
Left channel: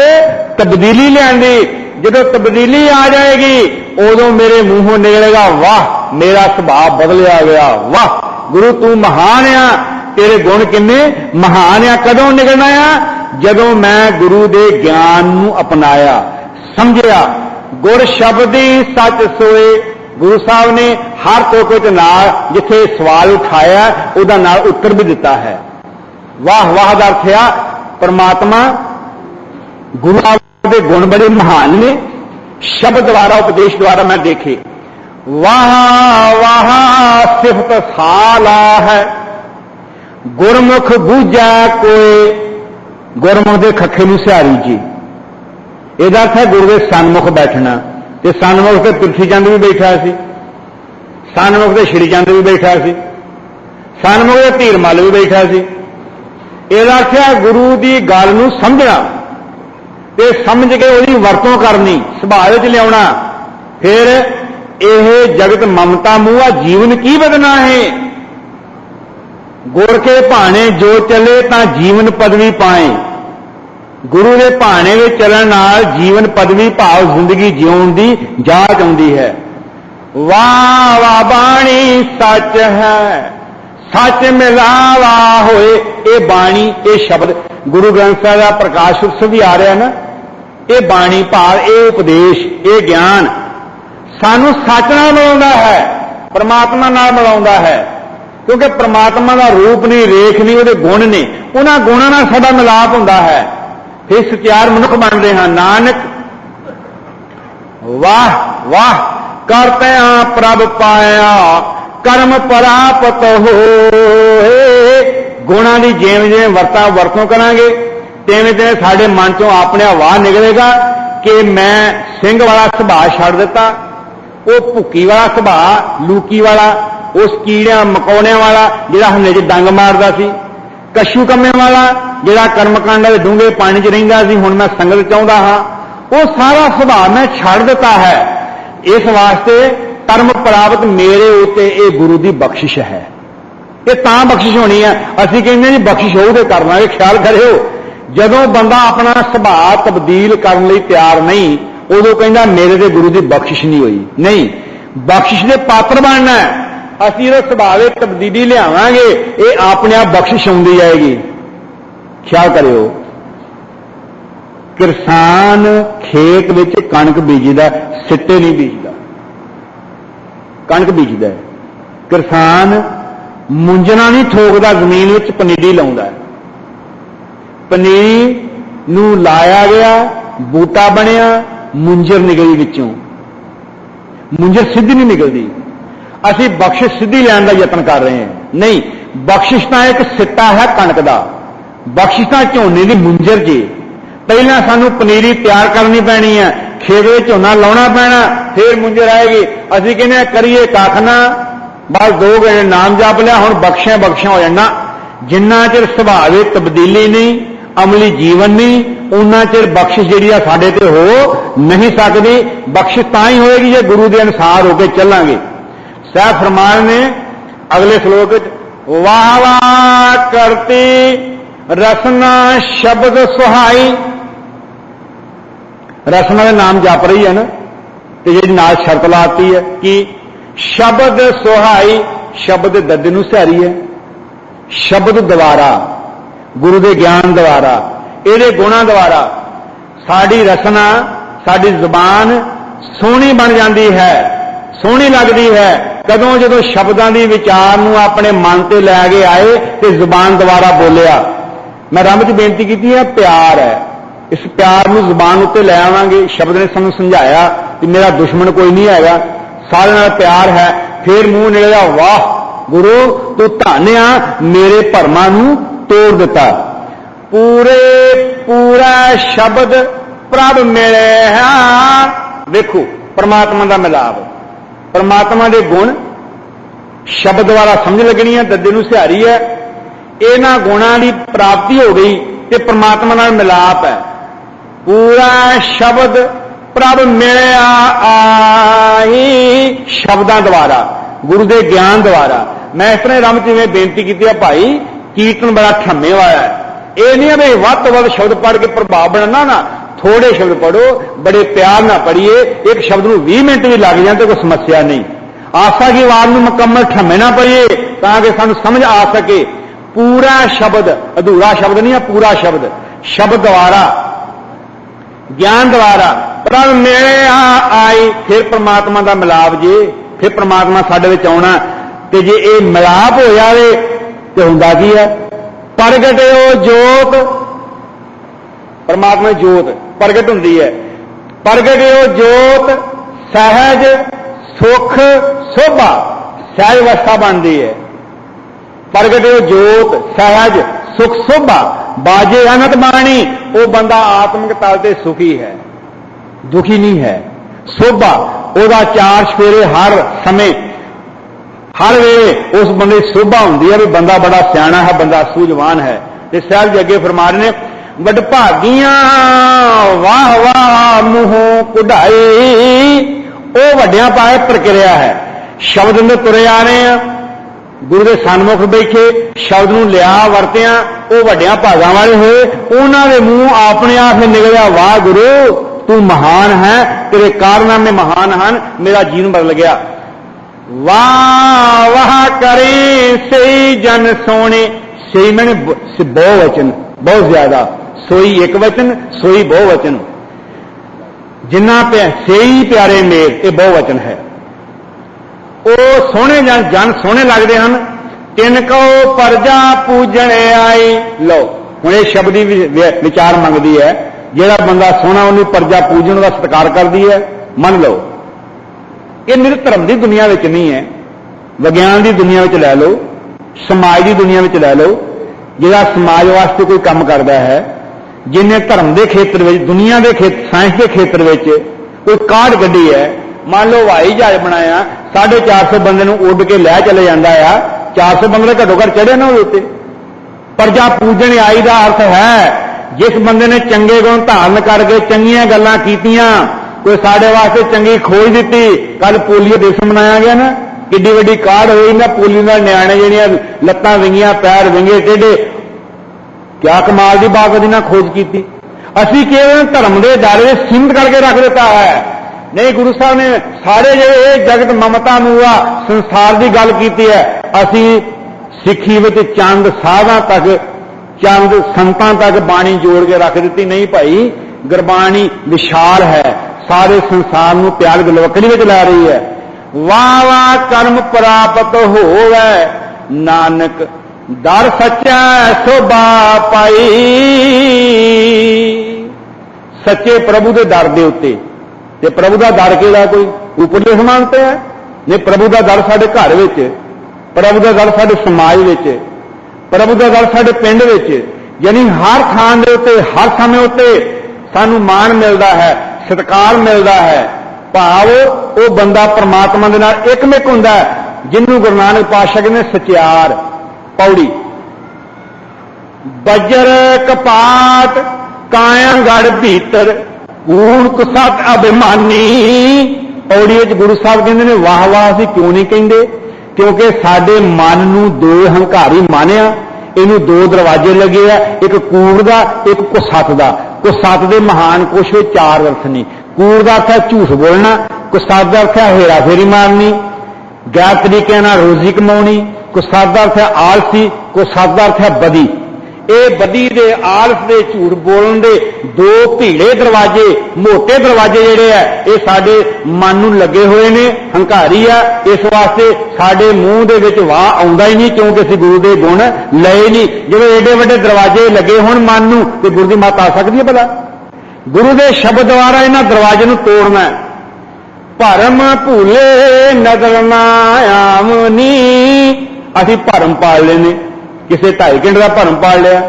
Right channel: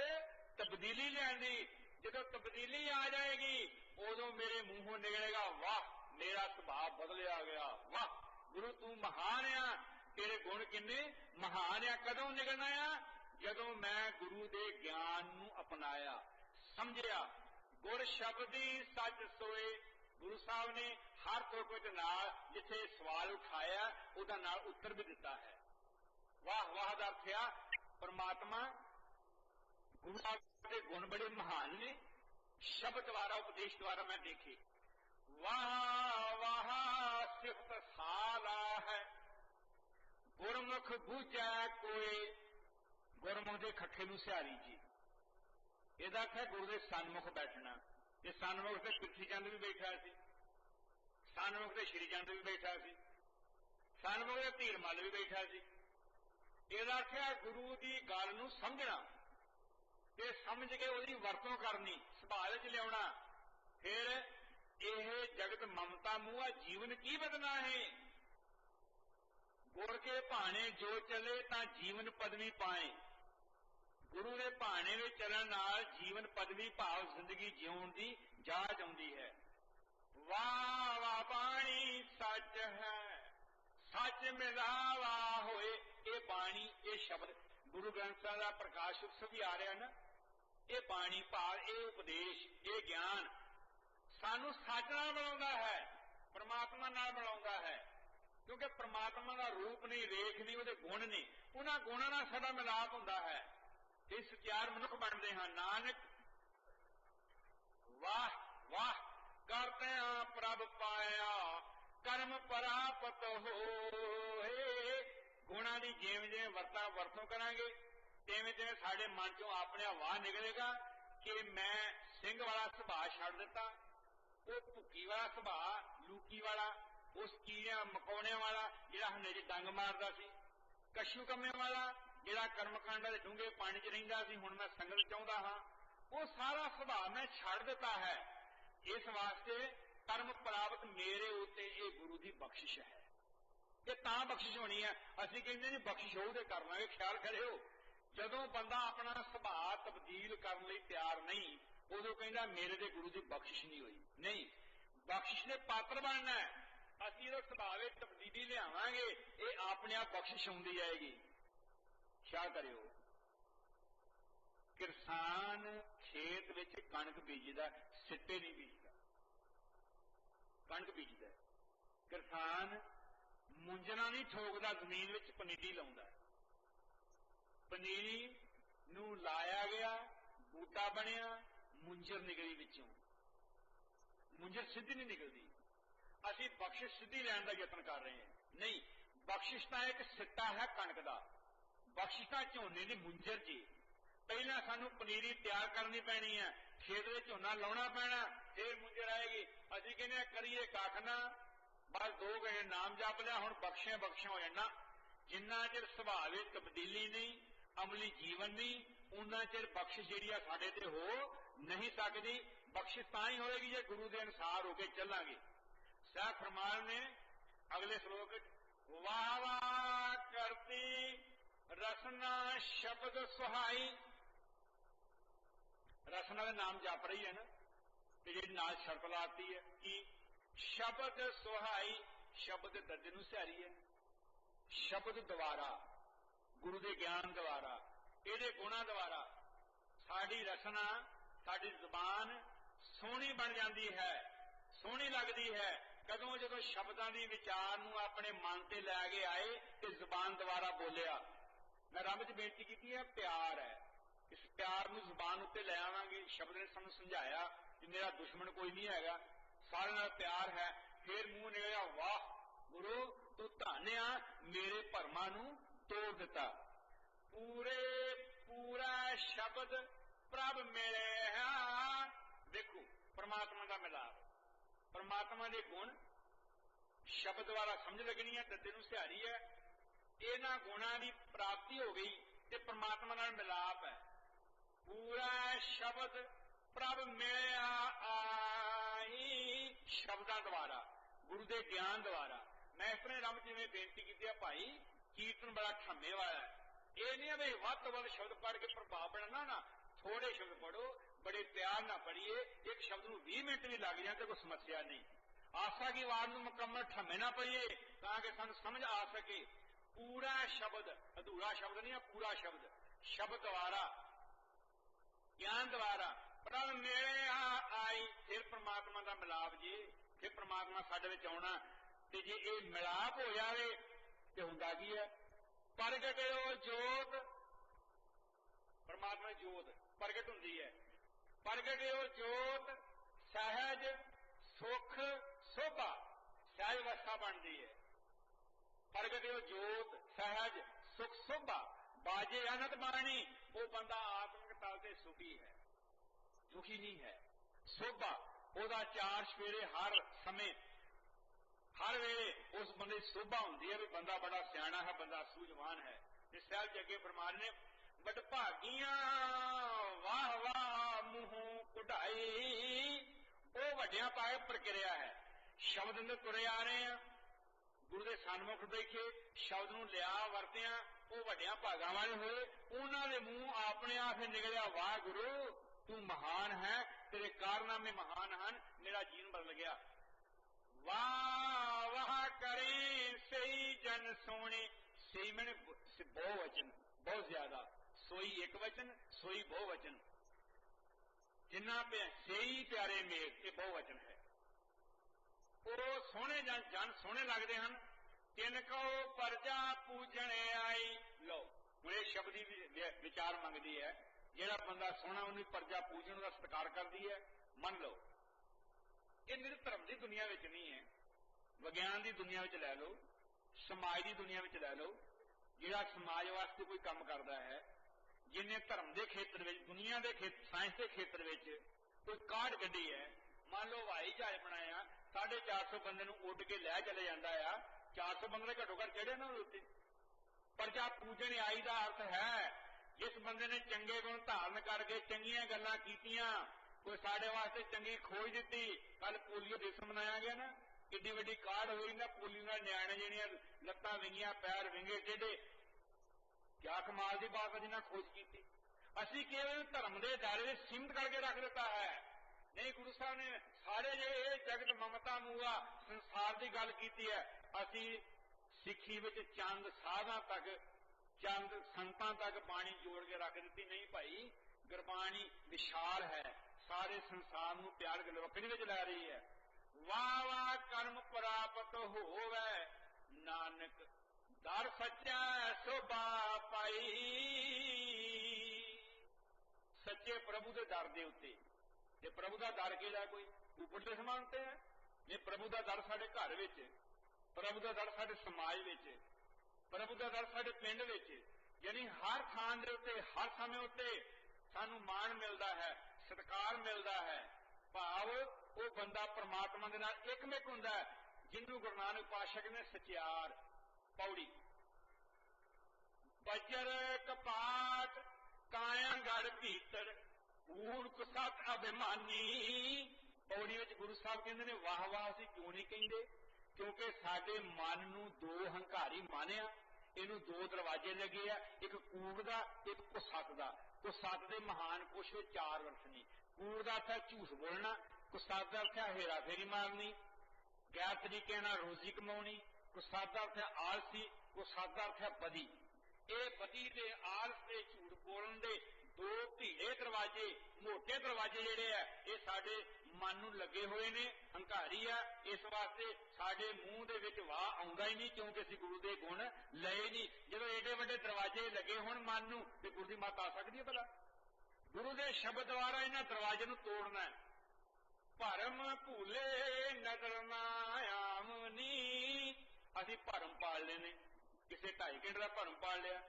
ਤਬਦੀਲੀ ਲਿਆਂਦੀ ਜਦੋਂ ਤਬਦੀਲੀ ਆ ਜਾਏਗੀ, ਉਦੋਂ ਮੇਰੇ ਮੂੰਹੋਂ ਨਿਕਲੇਗਾ, ਵਾਹ, ਮੇਰਾ ਸੁਭਾਅ ਬਦਲਿਆ ਗਿਆ, ਵਾਹ, ਗੁਰੂ ਤੂੰ ਮਹਾਨ ਆ। ਤੇਰੇ ਗੁਣ ਕਿੰਨੇ ਮਹਾਨ ਆ, ਕਦੋਂ ਨਿਕਲਣਾ ਆ? ਜਦੋਂ ਮੈਂ ਗੁਰੂ ਦੇ ਗਿਆਨ ਨੂੰ ਅਪਣਾਇਆ, ਸਮਝਿਆ, ਗੁਰ ਸ਼ਬਦੀ ਸੱਚ ਸੋਏ ਗੁਰੂ ਸਾਹਿਬ ਨੇ ਹਰ ਕੋਟੇ ਦੇ ਨਾਲ ਜਿੱਥੇ ਸਵਾਲ ਉਠਾਇਆ, ਉਹਦਾ ਨਾਲ ਉੱਤਰ ਵੀ ਦਿੱਤਾ ਹੈ। ਵਾਹ ਵਾਹ ਦਾ ਅਰਥ ਆ, ਪਰਮਾਤਮਾ ਗੁਰੂ ਸਾਹਿਬ ਦੇ ਗੁਣ ਬੜੇ ਮਹਾਨ ਨੇ। ਸ਼ਬਦ ਦੁਆਰਾ, ਉਪਦੇਸ਼ ਦੁਆਰਾ ਮੈਂ ਦੇਖੇ। ਵਾਹ ਵਾਹ, ਸਿਫਤ ਸਾਲਾ ਹੈ। ਗੁਰਮੁਖ ਬੂਝਾ ਕੋਈ ਗੁਰਮੁਖ ਦੇ ਖੱਖੇ ਨੂੰ ਸਿਹਾਰੀ ਜੀ। ਇਹਦਾ ਅਰਥ ਹੈ ਗੁਰੂ ਦੇ ਸਨਮੁਖ ਬੈਠਣਾ। ਤੇ ਸਨਮੁਖ ਤੇ ਪ੍ਰਿਥੀ ਚੰਦ ਵੀ ਬੈਠਾ ਸੀ। ਸਨਮੁਖ ਤੇ ਸ਼੍ਰੀ ਚੰਦ ਵੀ ਬੈਠਾ ਸੀ। ਸਨਮੁਖ ਤੇ ਧੀਰਮਲ ਵੀ ਬੈਠਾ ਸੀ। ਇਹਦਾ ਅਰਥ ਹੈ ਗੁਰੂ ਦੀ ਗੱਲ ਨੂੰ ਸਮਝਣਾ ਤੇ ਸਮਝ ਕੇ ਉਹਦੀ ਵਰਤੋਂ ਕਰਨੀ, ਸੁਭਾਅ ਵਿੱਚ ਲਿਆਉਣਾ। ਫਿਰ ਇਹ ਜਗਤ ਮਮਤਾ ਮੂਹਾ ਜੀਵਨ ਕੀ ਬਦਨਾ ਹੈ? ਗੁਰ ਕੇ ਭਾਣੇ ਜੋ ਚਲੇ ਤਾਂ ਜੀਵਨ ਪਦਵੀ ਪਾਏ। ਗੁਰੂ ਦੇ ਭਾਣੇ ਵਿੱਚ ਚੱਲਣ ਨਾਲ ਜੀਵਨ ਪਦਵੀ ਭਾਵ ਜ਼ਿੰਦਗੀ ਜਿਉਣ ਦੀ ਜਾਚ ਆਉਂਦੀ ਹੈ। ਵਾਹ ਵਾਹ ਬਾਣੀ ਸੱਚ ਹੈ। ਸੱਚ ਮਿਲਾਵਾ ਹੋਏ, ਇਹ ਬਾਣੀ, ਇਹ ਸ਼ਬਦ, ਗੁਰੂ ਗ੍ਰੰਥ ਸਾਹਿਬ ਦਾ ਪ੍ਰਕਾਸ਼ ਉਤਸਵ ਵੀ ਆ ਰਿਹਾ ਨਾ। ਇਹ ਬਾਣੀ ਭਾਵ, ਇਹ ਉਪਦੇਸ਼, ਇਹ ਗਿਆਨ ਸਾਨੂੰ ਸੱਚ ਨਾਲ ਮਿਲਾਉਂਦਾ ਹੈ, ਪਰਮਾਤਮਾ ਨਾਲ ਮਿਲਾਉਂਦਾ ਹੈ। ਕਿਉਂਕਿ ਪਰਮਾਤਮਾ ਦਾ ਰੂਪ ਨਹੀਂ, ਰੇਖ ਨਹੀਂ, ਉਹਦੇ ਗੁਣ ਨੇ। ਉਹਨਾਂ ਗੁਣਾਂ ਨਾਲ ਸਾਡਾ ਮਿਲਾਪ ਹੁੰਦਾ ਹੈ। ਫਿਰ ਸਤਿਆਰ ਮਨੁੱਖ ਬਣਦੇ ਹਾਂ। ਨਾਨਕ, ਵਾਹ ਵਾਹ ਕਰਤਿਆ ਪ੍ਰਭ ਪਾਇਆ। ਕਰਮ ਪ੍ਰਾਪਤ ਹੋਏ। ਗੁਣਾਂ ਦੀ ਜਿਵੇਂ ਜਿਵੇਂ ਵਰਤਾ ਵਰਤੋਂ ਕਰਾਂਗੇ, ਤਿਵੇਂ ਤਿਵੇਂ ਸਾਡੇ ਮਨ ਚੋਂ ਆਪਣੇ ਆਵਾਜ਼ ਨਿਕਲੇਗਾ ਕਿ ਮੈਂ ਸਿੰਘ ਵਾਲਾ ਸੁਭਾਅ ਛੱਡ ਦਿੱਤਾ, ਉਹ ਭੁੱਕੀ ਵਾਲਾ ਸੁਭਾਅ, ਲੂਕੀ ਵਾਲਾ, ਉਸ ਕੀੜਿਆਂ, ਮਕੌੜਿਆਂ ਵਾਲਾ ਜਿਹੜਾ ਹਮਲੇ 'ਚ ਡੰਗ ਮਾਰਦਾ ਸੀ। ਕਸ਼ੂ ਕੰਮੇ ਵਾਲਾ, ਜਿਹੜਾ ਕਰਮਕਾਂਡਾਂ ਦੇ ਡੂੰਘੇ ਪਾਣੀ 'ਚ ਰਹਿੰਦਾ ਸੀ, ਹੁਣ ਮੈਂ ਸੰਗਤ ਚਾਹੁੰਦਾ ਹਾਂ। ਉਹ ਸਾਰਾ ਸੁਭਾਅ ਮੈਂ ਛੱਡ ਦਿੱਤਾ ਹੈ। ਇਸ ਵਾਸਤੇ ਕਰਮ ਪ੍ਰਾਪਤ ਮੇਰੇ ਉਤੇ ਇਹ ਗੁਰੂ ਦੀ ਬਖਸ਼ਿਸ਼ ਹੈ। ਇਹ ਤਾਂ ਬਖਸ਼ਿਸ਼ ਹੋਣੀ ਹੈ। ਅਸੀਂ ਕਹਿੰਦੇ ਜੀ, ਬਖਸ਼ਿਸ਼ ਹੋਊ ਤੇ ਕਰਨਾ ਇਹ ਖਿਆਲ ਕਰਿਓ। ਜਦੋਂ ਬੰਦਾ ਆਪਣਾ ਸੁਭਾਅ ਤਬਦੀਲ ਕਰਨ ਲਈ ਤਿਆਰ ਨਹੀਂ, ਉਦੋਂ ਕਹਿੰਦਾ ਮੇਰੇ ਤੇ ਗੁਰੂ ਦੀ ਬਖਸ਼ਿਸ਼ ਨਹੀਂ ਹੋਈ। ਨਹੀਂ, ਬਖਸ਼ਿਸ਼ ਦੇ ਪਾਤਰ ਬਣਨਾ ਹੈ। ਅਸੀਂ ਇਹਦੇ ਸੁਭਾਅ ਵਿੱਚ ਤਬਦੀਲੀ ਲਿਆਵਾਂਗੇ, ਇਹ ਆਪਣੇ ਆਪ ਬਖਸ਼ਿਸ਼ ਆਉਂਦੀ ਜਾਏਗੀ। ਖਿਆਲ ਕਰਿਓ। ਕਿਸਾਨ ਖੇਤ ਵਿੱਚ ਕਣਕ ਬੀਜਦਾ, ਸਿੱਟੇ ਨਹੀਂ ਬੀਜਦਾ। ਕਣਕ ਬੀਜਦਾ ਹੈ। ਕਿਸਾਨ ਮੁੰਜਣਾ ਨਹੀਂ ਠੋਕਦਾ, ਜ਼ਮੀਨ ਵਿੱਚ ਪਨੀਰੀ ਲਾਉਂਦਾ ਪਨੀਰੀ ਨੂੰ ਲਾਇਆ ਗਿਆ, ਬੂਟਾ ਬਣਿਆ, ਮੁੰਜਰ ਨਿਕਲੀ ਵਿੱਚੋਂ। ਮੁੰਜਰ ਸਿੱਧੀ ਨਹੀਂ ਨਿਕਲਦੀ। ਅਸੀਂ ਬਖਸ਼ਿਸ਼ ਸਿੱਧੀ ਲੈਣ ਦਾ ਯਤਨ ਕਰ ਰਹੇ ਹਾਂ। ਨਹੀਂ ਬਖਸ਼ਿਸ਼ ਤਾਂ ਇੱਕ ਸਿੱਟਾ ਹੈ ਕਣਕ ਦਾ। ਬਖਸ਼ਿਸ਼ ਤਾਂ ਝੋਨੇ ਦੀ ਮੁੰਜਰ ਜੀ। ਪਹਿਲਾਂ ਸਾਨੂੰ ਪਨੀਰੀ ਤਿਆਰ ਕਰਨੀ ਪੈਣੀ ਹੈ ਖੇਤ ਝੋਨਾ ਲਾਉਣਾ ਪੈਣਾ ਫੇਰ ਮੁੰਜਰ ਆਏਗੀ। ਅਸੀਂ ਕਹਿੰਦੇ ਹਾਂ, ਕਰੀਏ ਕੱਖ ਬਸ ਦੋ ਗਏ ਨਾਮ ਜਪ ਲਿਆ ਹੁਣ ਬਖਸ਼ਿਆ ਬਖਸ਼ਿਆ ਹੋ ਜਾਣਾ। ਜਿੰਨਾ ਚਿਰ ਸੁਭਾਅ ਵਿੱਚ ਤਬਦੀਲੀ ਨਹੀਂ ਅਮਲੀ ਜੀਵਨ ਨਹੀਂ ਉਹਨਾਂ ਚਿਰ ਬਖਸ਼ਿਸ਼ ਜਿਹੜੀ ਆ ਸਾਡੇ ਤੇ ਹੋ ਨਹੀਂ ਸਕਦੀ। ਬਖਸ਼ਿਸ਼ ਤਾਂ ਹੀ ਹੋਏਗੀ ਜੇ ਗੁਰੂ ਦੇ ਅਨੁਸਾਰ ਹੋ ਕੇ ਚੱਲਾਂਗੇ। ਸਾਹਿਬ ਫਰਮਾਨ ਨੇ, ਅਗਲੇ ਸ਼ਲੋਕ ਵਿੱਚ ਵਾਹ ਵਾਹ ਕਰਤੀ, ਰਸਨਾ ਸ਼ਬਦ ਸੁਹਾਈ। ਰਸਨਾ ਦੇ ਨਾਮ ਜਪ ਰਹੀ ਹੈ ਨਾ, ਤੇ ਜਿਹੜੀ ਨਾਲ ਸ਼ਰਤ ਲਾਤੀ ਹੈ ਕਿ ਸ਼ਬਦ ਸੁਹਾਈ, ਸ਼ਬਦ ਦੱਦ ਨੂੰ ਸਹਾਰੀ ਹੈ। ਸ਼ਬਦ ਦੁਆਰਾ, ਗੁਰੂ ਦੇ ਗਿਆਨ ਦੁਆਰਾ, ਇਹਦੇ ਗੁਣਾਂ ਦੁਆਰਾ, ਸਾਡੀ ਰਸਨਾ, ਸਾਡੀ ਜ਼ੁਬਾਨ ਸੋਹਣੀ ਬਣ ਜਾਂਦੀ ਹੈ। ਸੋਹਣੀ ਲੱਗਦੀ ਹੈ। ਕਦੋਂ ਜਦੋਂ ਸ਼ਬਦਾਂ ਦੀ ਵਿਚਾਰ ਨੂੰ ਆਪਣੇ ਮਨ ਤੇ ਲੈ ਕੇ ਆਏ ਤੇ ਜ਼ੁਬਾਨ ਦੁਆਰਾ ਬੋਲਿਆ, ਮੈਂ ਰੱਬ 'ਚ ਬੇਨਤੀ ਕੀਤੀ ਹੈ, ਪਿਆਰ ਹੈ। ਇਸ ਪਿਆਰ ਨੂੰ ਜ਼ੁਬਾਨ ਉੱਤੇ ਲੈ ਆਵਾਂਗੇ। ਸ਼ਬਦ ਨੇ ਸਾਨੂੰ ਸਮਝਾਇਆ ਕਿ ਮੇਰਾ ਦੁਸ਼ਮਣ ਕੋਈ ਨਹੀਂ ਹੈਗਾ। ਸਾਰਿਆਂ ਨਾਲ ਪਿਆਰ ਹੈ। ਫੇਰ ਮੂੰਹ ਨਿਕਲਿਆ ਵਾਹ, ਗੁਰੂ, ਤੂੰ ਧੰਨਿਆ, ਮੇਰੇ ਭਰਮਾਂ ਨੂੰ ਤੋੜ ਦਿੱਤਾ। ਪੂਰੇ, ਪੂਰਾ ਸ਼ਬਦ ਪ੍ਰਭ ਮਿਲਿਆ। ਵੇਖੋ, ਪਰਮਾਤਮਾ ਦਾ ਮਿਲਾਪ। ਪਰਮਾਤਮਾ ਦੇ ਗੁਣ ਸ਼ਬਦ ਵਾਲਾ ਸਮਝ ਲੱਗਣੀ ਹੈ, ਦੱਦੇ ਨੂੰ ਸਿਹਾਰੀ ਹੈ। ਇਹਨਾਂ ਗੁਣਾਂ ਦੀ ਪ੍ਰਾਪਤੀ ਹੋ ਗਈ ਤੇ ਪਰਮਾਤਮਾ ਨਾਲ ਮਿਲਾਪ ਹੈ। ਪੂਰਾ ਸ਼ਬਦ ਪ੍ਰਭ ਮਿਲਿਆ ਆਈ ਸ਼ਬਦਾਂ ਦੁਆਰਾ, ਗੁਰੂ ਦੇ ਗਿਆਨ ਦੁਆਰਾ। ਮੈਂ ਇਸ ਤਰ੍ਹਾਂ ਰਮ ਜਿਵੇਂ ਬੇਨਤੀ ਕੀਤੀ ਹੈ ਭਾਈ, ਕੀਰਤਨ ਬੜਾ ਠੰਮੇ ਵਾਲਾ ਹੈ। ਇਹ ਨਹੀਂ ਹੈ ਵੀ ਵੱਧ ਤੋਂ ਵੱਧ ਸ਼ਬਦ ਪੜ੍ਹ ਕੇ ਪ੍ਰਭਾਵ ਬਣਨਾ ਨਾ। ਥੋੜੇ ਸ਼ਬਦ ਪੜੋ ਬੜੇ ਪਿਆਰ ਨਾਲ ਪੜ੍ਹੀਏ, ਇੱਕ ਸ਼ਬਦ ਨੂੰ 20 ਮਿੰਟ ਵੀ ਲੱਗ ਜਾਂਦੇ ਕੋਈ ਸਮੱਸਿਆ ਨਹੀਂ। ਆਸਾ ਦੀ ਆਵਾਜ਼ ਨੂੰ ਮੁਕੰਮਲ ਠੰਮੇ ਨਾ ਪੜ੍ਹੀਏ ਤਾਂ ਕਿ ਸਾਨੂੰ ਸਮਝ ਆ ਸਕੇ। ਪੂਰਾ ਸ਼ਬਦ, ਅਧੂਰਾ ਸ਼ਬਦ ਨਹੀਂ ਹੈ ਪੂਰਾ ਸ਼ਬਦ। ਸ਼ਬਦ ਦੁਆਰਾ, ਗਿਆਨ ਦੁਆਰਾ। ਪ੍ਰਭ ਮੇਰੇ ਆਈ, ਫਿਰ ਪ੍ਰਮਾਤਮਾ ਦਾ ਮਿਲਾਪ ਜੇ, ਫਿਰ ਪ੍ਰਮਾਤਮਾ ਸਾਡੇ ਵਿੱਚ ਆਉਣਾ। ਤੇ ਜੇ ਇਹ ਮਿਲਾਪ ਹੋ ਜਾਵੇ ਤੇ ਹੁੰਦਾ ਕੀ ਹੈ? ਪ੍ਰਗਟਿਓ ਜੋਤ ਪਰਮਾਤਮਾ ਦੀ ਜੋਤ, ਪ੍ਰਗਟ ਹੁੰਦੀ ਹੈ। ਪ੍ਰਗਟਿਓ ਜੋਤ, ਸਹਿਜ, ਸੁਖ, ਸੋਭਾ, ਸਹਿਜ ਅਵਸਥਾ ਬਣਦੀ ਹੈ। ਪ੍ਰਗਟਿਓ ਜੋਤ, ਸਹਿਜ, ਸੁਖ, ਸੋਭਾ, ਬਾਜੇ ਅਨੰਤ ਬਾਣੀ, ਉਹ ਬੰਦਾ ਆਤਮਿਕ ਤਲ ਤੇ ਸੁਖੀ ਹੈ। ਦੁਖੀ ਨਹੀਂ ਹੈ। ਸੋਭਾ, ਉਹਦਾ ਚਾਰ ਸਵੇਰੇ ਹਰ ਸਮੇਂ, ਹਰ ਵੇਲੇ ਉਸ ਬੰਦੇ ਸੋਭਾ ਹੁੰਦੀ ਹੈ ਵੀ ਬੰਦਾ ਬੜਾ ਸਿਆਣਾ ਹੈ, ਬੰਦਾ ਸੂਝਵਾਨ ਹੈ। ਤੇ ਸਾਹਿਬ ਜੀ ਅੱਗੇ ਫਰਮਾ ਰਹੇ ਨੇ ਵਡਭਾਗੀਆਂ, ਵਾਹ ਵਾਹ, ਮੂੰਹ ਕੁਢਾਈ। ਉਹ ਵੱਡਿਆਂ ਪਾਏ ਪ੍ਰਕਿਰਿਆ ਹੈ। ਸ਼ਬਦ ਅੰਦਰ ਤੁਰੇ ਆ ਰਹੇ ਆ। ਗੁਰੂ ਦੇ ਸਨਮੁਖ ਬੈਠੇ, ਸ਼ਬਦ ਨੂੰ ਲਿਆ ਵਰਤਿਆ, ਉਹ ਵੱਡਿਆਂ ਭਾਗਾਂ ਵਾਲੇ ਹੋਏ। ਉਹਨਾਂ ਦੇ ਮੂੰਹ ਆਪਣੇ ਆਪ ਹੀ ਨਿਕਲਿਆ ਵਾਹ ਗੁਰੂ, ਤੂੰ ਮਹਾਨ ਹੈ, ਤੇਰੇ ਕਾਰਨਾਮੇ ਮਹਾਨ ਹਨ, ਮੇਰਾ ਜੀਵਨ ਬਦਲ ਗਿਆ। ਵਾਹ ਵਾਹ ਕਰੇ ਸਈ ਜਨ ਸੋਹਣੇ। ਸਈ ਮੈਨੇ ਬਹੁ ਵਚਨ ਬਹੁਤ ਜ਼ਿਆਦਾ। ਸੋਈ ਇੱਕ ਵਚਨ, ਸੋਈ ਬਹੁ ਵਚਨ। ਜਿੰਨਾ ਪਿਆ, ਸੇਈ ਪਿਆਰੇ ਮੇਰ, ਇਹ ਬਹੁਵਚਨ ਹੈ। ਉਹ ਸੋਹਣੇ ਜਨ ਜਨ ਸੋਹਣੇ ਲੱਗਦੇ ਹਨ, ਤਿੰਨ ਕੋ ਪਰਜਾ ਪੂਜਣ ਆਈ। ਲਓ, ਹੁਣ ਇਹ ਸ਼ਬਦੀ ਵਿ- ਵਿਚਾਰ ਮੰਗਦੀ ਹੈ, ਜਿਹੜਾ ਬੰਦਾ ਸੋਹਣਾ ਉਹਨੂੰ ਪਰਜਾ ਪੂਜਣ ਦਾ ਸਤਿਕਾਰ ਕਰਦੀ ਹੈ, ਮੰਨ ਲਓ। ਇਹ ਨਿਰ ਧਰਮ ਦੀ ਦੁਨੀਆ ਵਿੱਚ ਨਹੀਂ ਹੈ। ਵਿਗਿਆਨ ਦੀ ਦੁਨੀਆ ਵਿੱਚ ਲੈ ਲਓ, ਸਮਾਜ ਦੀ ਦੁਨੀਆ ਵਿੱਚ ਲੈ ਲਓ, ਜਿਹੜਾ ਸਮਾਜ ਵਾਸਤੇ ਕੋਈ ਕੰਮ ਕਰਦਾ ਹੈ ਜਿਨੇ ਧਰਮ ਦੇ ਖੇਤਰ ਵਿੱਚ, ਦੁਨੀਆ ਦੇ ਖੇਤਰ ਸਾਇੰਸ ਦੇ ਖੇਤਰ ਵਿੱਚ ਕੋਈ ਕਾਢ ਕੱਢੀ ਹੈ, ਮੰਨ ਲਓ ਹਵਾਈ ਜਹਾਜ਼ ਬਣਾਇਆ 450 ਬੰਦੇ ਨੂੰ ਉੱਡ ਕੇ ਲੈ ਚਲੇ ਜਾਂਦਾ ਆ 400 ਬੰਦੇ ਘੱਟੋ ਘੱਟ ਚੜੇ ਨਾ ਉਹਦੇ ਉੱਤੇ। ਪਰ ਜਾਂ ਪੂਜਣ ਆਈ ਦਾ ਅਰਥ ਹੈ, ਜਿਸ ਬੰਦੇ ਨੇ ਚੰਗੇ ਗੁਣ ਧਾਰਨ ਕਰਕੇ ਚੰਗੀਆਂ ਗੱਲਾਂ ਕੀਤੀਆਂ, ਕੋਈ ਸਾਡੇ ਵਾਸਤੇ ਚੰਗੀ ਖੋਜ ਦਿੱਤੀ ਕੱਲ ਪੋਲੀਓ ਦਿਵਸ ਮਨਾਇਆ ਗਿਆ ਨਾ, ਕਿੱਡੀ ਵੱਡੀ ਕਾਢ ਹੋਈ ਨਾ, ਪੋਲੀਓ ਨਾਲ ਨਿਆਣੇ ਜਿਹੜੀਆਂ ਲੱਤਾਂ ਵਿੰਗੀਆਂ, ਪੈਰ ਵਿੰਗੇ, ਟੇਢੇ ਕਿਆ ਕਮਾਲ ਦੀ ਬਾਤ ਉਹਦੀ ਨਾਲ ਖੋਜ ਕੀਤੀ। ਅਸੀਂ ਕੇਵਲ ਧਰਮ ਦੇ ਦਾਇਰੇ ਵਿੱਚ ਸੀਮਿਤ ਕਰਕੇ ਰੱਖ ਦਿੱਤਾ ਹੈ। ਨਹੀਂ, ਗੁਰੂ ਸਾਹਿਬ ਨੇ ਸਾਰੇ ਜਿਹੜੇ ਇਹ ਜਗਤ ਮਮਤਾ ਨੂੰ ਆ, ਸੰਸਾਰ ਦੀ ਗੱਲ ਕੀਤੀ ਹੈ, ਅਸੀਂ ਸਿੱਖੀ ਵਿੱਚ ਚੰਦ ਸਾਧਾਂ ਤੱਕ, ਚੰਦ ਸੰਤਾਂ ਤੱਕ ਬਾਣੀ ਜੋੜ ਕੇ ਰੱਖ ਦਿੱਤੀ। ਨਹੀਂ ਭਾਈ, ਗੁਰਬਾਣੀ ਵਿਸ਼ਾਲ ਹੈ। ਸਾਰੇ ਸੰਸਾਰ ਨੂੰ ਪਿਆਰ ਗਲਵਕੜੀ ਵਿੱਚ ਲੈ ਰਹੀ ਹੈ। ਵਾਹ ਵਾਹ ਕਰਮ ਪ੍ਰਾਪਤ ਹੋਵੇ। ਨਾਨਕ ਦਰ ਸੱਚਾ ਸੋਭਾ ਪਾਈ। ਸੱਚੇ ਪ੍ਰਭੂ ਦੇ ਦਰ ਦੇ ਉੱਤੇ। ਤੇ ਪ੍ਰਭੂ ਦਾ ਦਰ ਕਿਹੜਾ ਕੋਈ? ਉਪਰਲੇ ਸਮਾਨ ਤੇ ਹੈ। ਨਹੀਂ, ਪ੍ਰਭੂ ਦਾ ਦਰ ਸਾਡੇ ਘਰ ਵਿੱਚ। ਪ੍ਰਭੂ ਦਾ ਦਰ ਸਾਡੇ ਸਮਾਜ ਵਿੱਚ। ਪ੍ਰਭੂ ਦਾ ਦਰ ਸਾਡੇ ਪਿੰਡ ਵਿੱਚ। ਯਾਨੀ ਹਰ ਥਾਂ ਦੇ ਉੱਤੇ, ਹਰ ਸਮੇਂ ਉੱਤੇ ਸਾਨੂੰ ਮਾਣ ਮਿਲਦਾ ਹੈ, ਸਤਿਕਾਰ ਮਿਲਦਾ ਹੈ। ਭਾਵ ਉਹ ਬੰਦਾ ਪ੍ਰਮਾਤਮਾ ਦੇ ਨਾਲ ਇੱਕਮਿਕ ਹੁੰਦਾ ਜਿਹਨੂੰ ਗੁਰੂ ਨਾਨਕ ਪਾਤਸ਼ਾਹ ਕਹਿੰਦੇ ਸਚਿਆਰ। ਪੌੜੀ। ਬਜਰ ਕਪਾਤ ਕਾਇਆ ਗੜ ਭੀਤਰ। ਊਣ ਕੁਸਤ ਅਭਿਮਾਨੀ। ਪੌੜੀ ਵਿੱਚ ਗੁਰੂ ਸਾਹਿਬ ਕਹਿੰਦੇ ਨੇ, ਵਾਹ ਵਾਹ ਅਸੀਂ ਕਿਉਂ ਨਹੀਂ ਕਹਿੰਦੇ? ਕਿਉਂਕਿ ਸਾਡੇ ਮਨ ਨੂੰ ਦੋ ਹੰਕਾਰੀ ਮਾਨਿਆ। ਇਹਨੂੰ ਦੋ ਦਰਵਾਜ਼ੇ ਲੱਗੇ ਆ, ਇੱਕ ਕੂੜ ਦਾ, ਇੱਕ ਕੁਸਤ ਦਾ। ਕੁਸਤ ਦੇ ਮਹਾਨ ਕੋਸ਼ ਵਿੱਚ ਚਾਰ ਅਰਥ ਨੇ। ਕੂੜ ਦਾ ਅਰਥ ਹੈ ਝੂਠ ਬੋਲਣਾ, ਕੁਸਤ ਦਾ ਅਰਥ ਹੈ ਹੇਰਾ ਫੇਰੀ ਮਾਰਨੀ। ਗੈਰ ਤਰੀਕਿਆਂ ਨਾਲ ਰੋਜ਼ੀ ਕਮਾਉਣੀ ਕੁਸਤ ਦਾ ਅਰਥ ਹੈ ਆਲਸੀ ਕੁਸਤ ਦਾ ਅਰਥ ਹੈ ਬਦੀ। ਇਹ ਬਦੀ ਦੇ ਆਲਸ ਦੇ ਝੂਠ ਬੋਲਣ ਦੇ ਦੋ ਭੀੜੇ ਦਰਵਾਜ਼ੇ ਮੋٹے ਦਰਵਾਜ਼ੇ ਜਿਹੜੇ ਆ, ਇਹ ਸਾਡੇ ਮਨ ਨੂੰ ਲੱਗੇ ਹੋਏ ਨੇ, ਹੰਕਾਰੀ ਆ। ਇਸ ਵਾਸਤੇ ਸਾਡੇ ਮੂੰਹ ਦੇ ਵਿੱਚ ਵਾਹ ਆਉਂਦਾ ਹੀ ਨਹੀਂ, ਕਿਉਂਕਿ ਅਸੀਂ ਗੁਰੂ ਦੇ ਗੁਣ ਲਏ ਨਹੀਂ। ਜਿਹੜੇ ਏਡੇ ਵੱਡੇ ਦਰਵਾਜ਼ੇ ਲੱਗੇ ਹੋਣ ਮਨ ਨੂੰ, ਤੇ ਗੁਰੂ ਦੀ ਮੱਤ ਆ ਸਕਦੀ ਹੈ ਭਲਾ? ਗੁਰੂ ਦੇ ਸ਼ਬਦ ਦੁਆਰਾ ਇਹਨਾਂ ਦਰਵਾਜ਼ੇ ਨੂੰ ਤੋੜਨਾ ਹੈ। ਭਰਮ ਭੂਲੇ ਨਦਰ ਨਾ ਆਵਨੀ। ਅਸੀਂ ਭਰਮ ਪਾਲ ਲਏ ਨੇ। ਕਿਸੇ ਢਾਈ ਘੰਟੇ ਦਾ ਭਰਮ ਪਾਲ ਲਿਆ,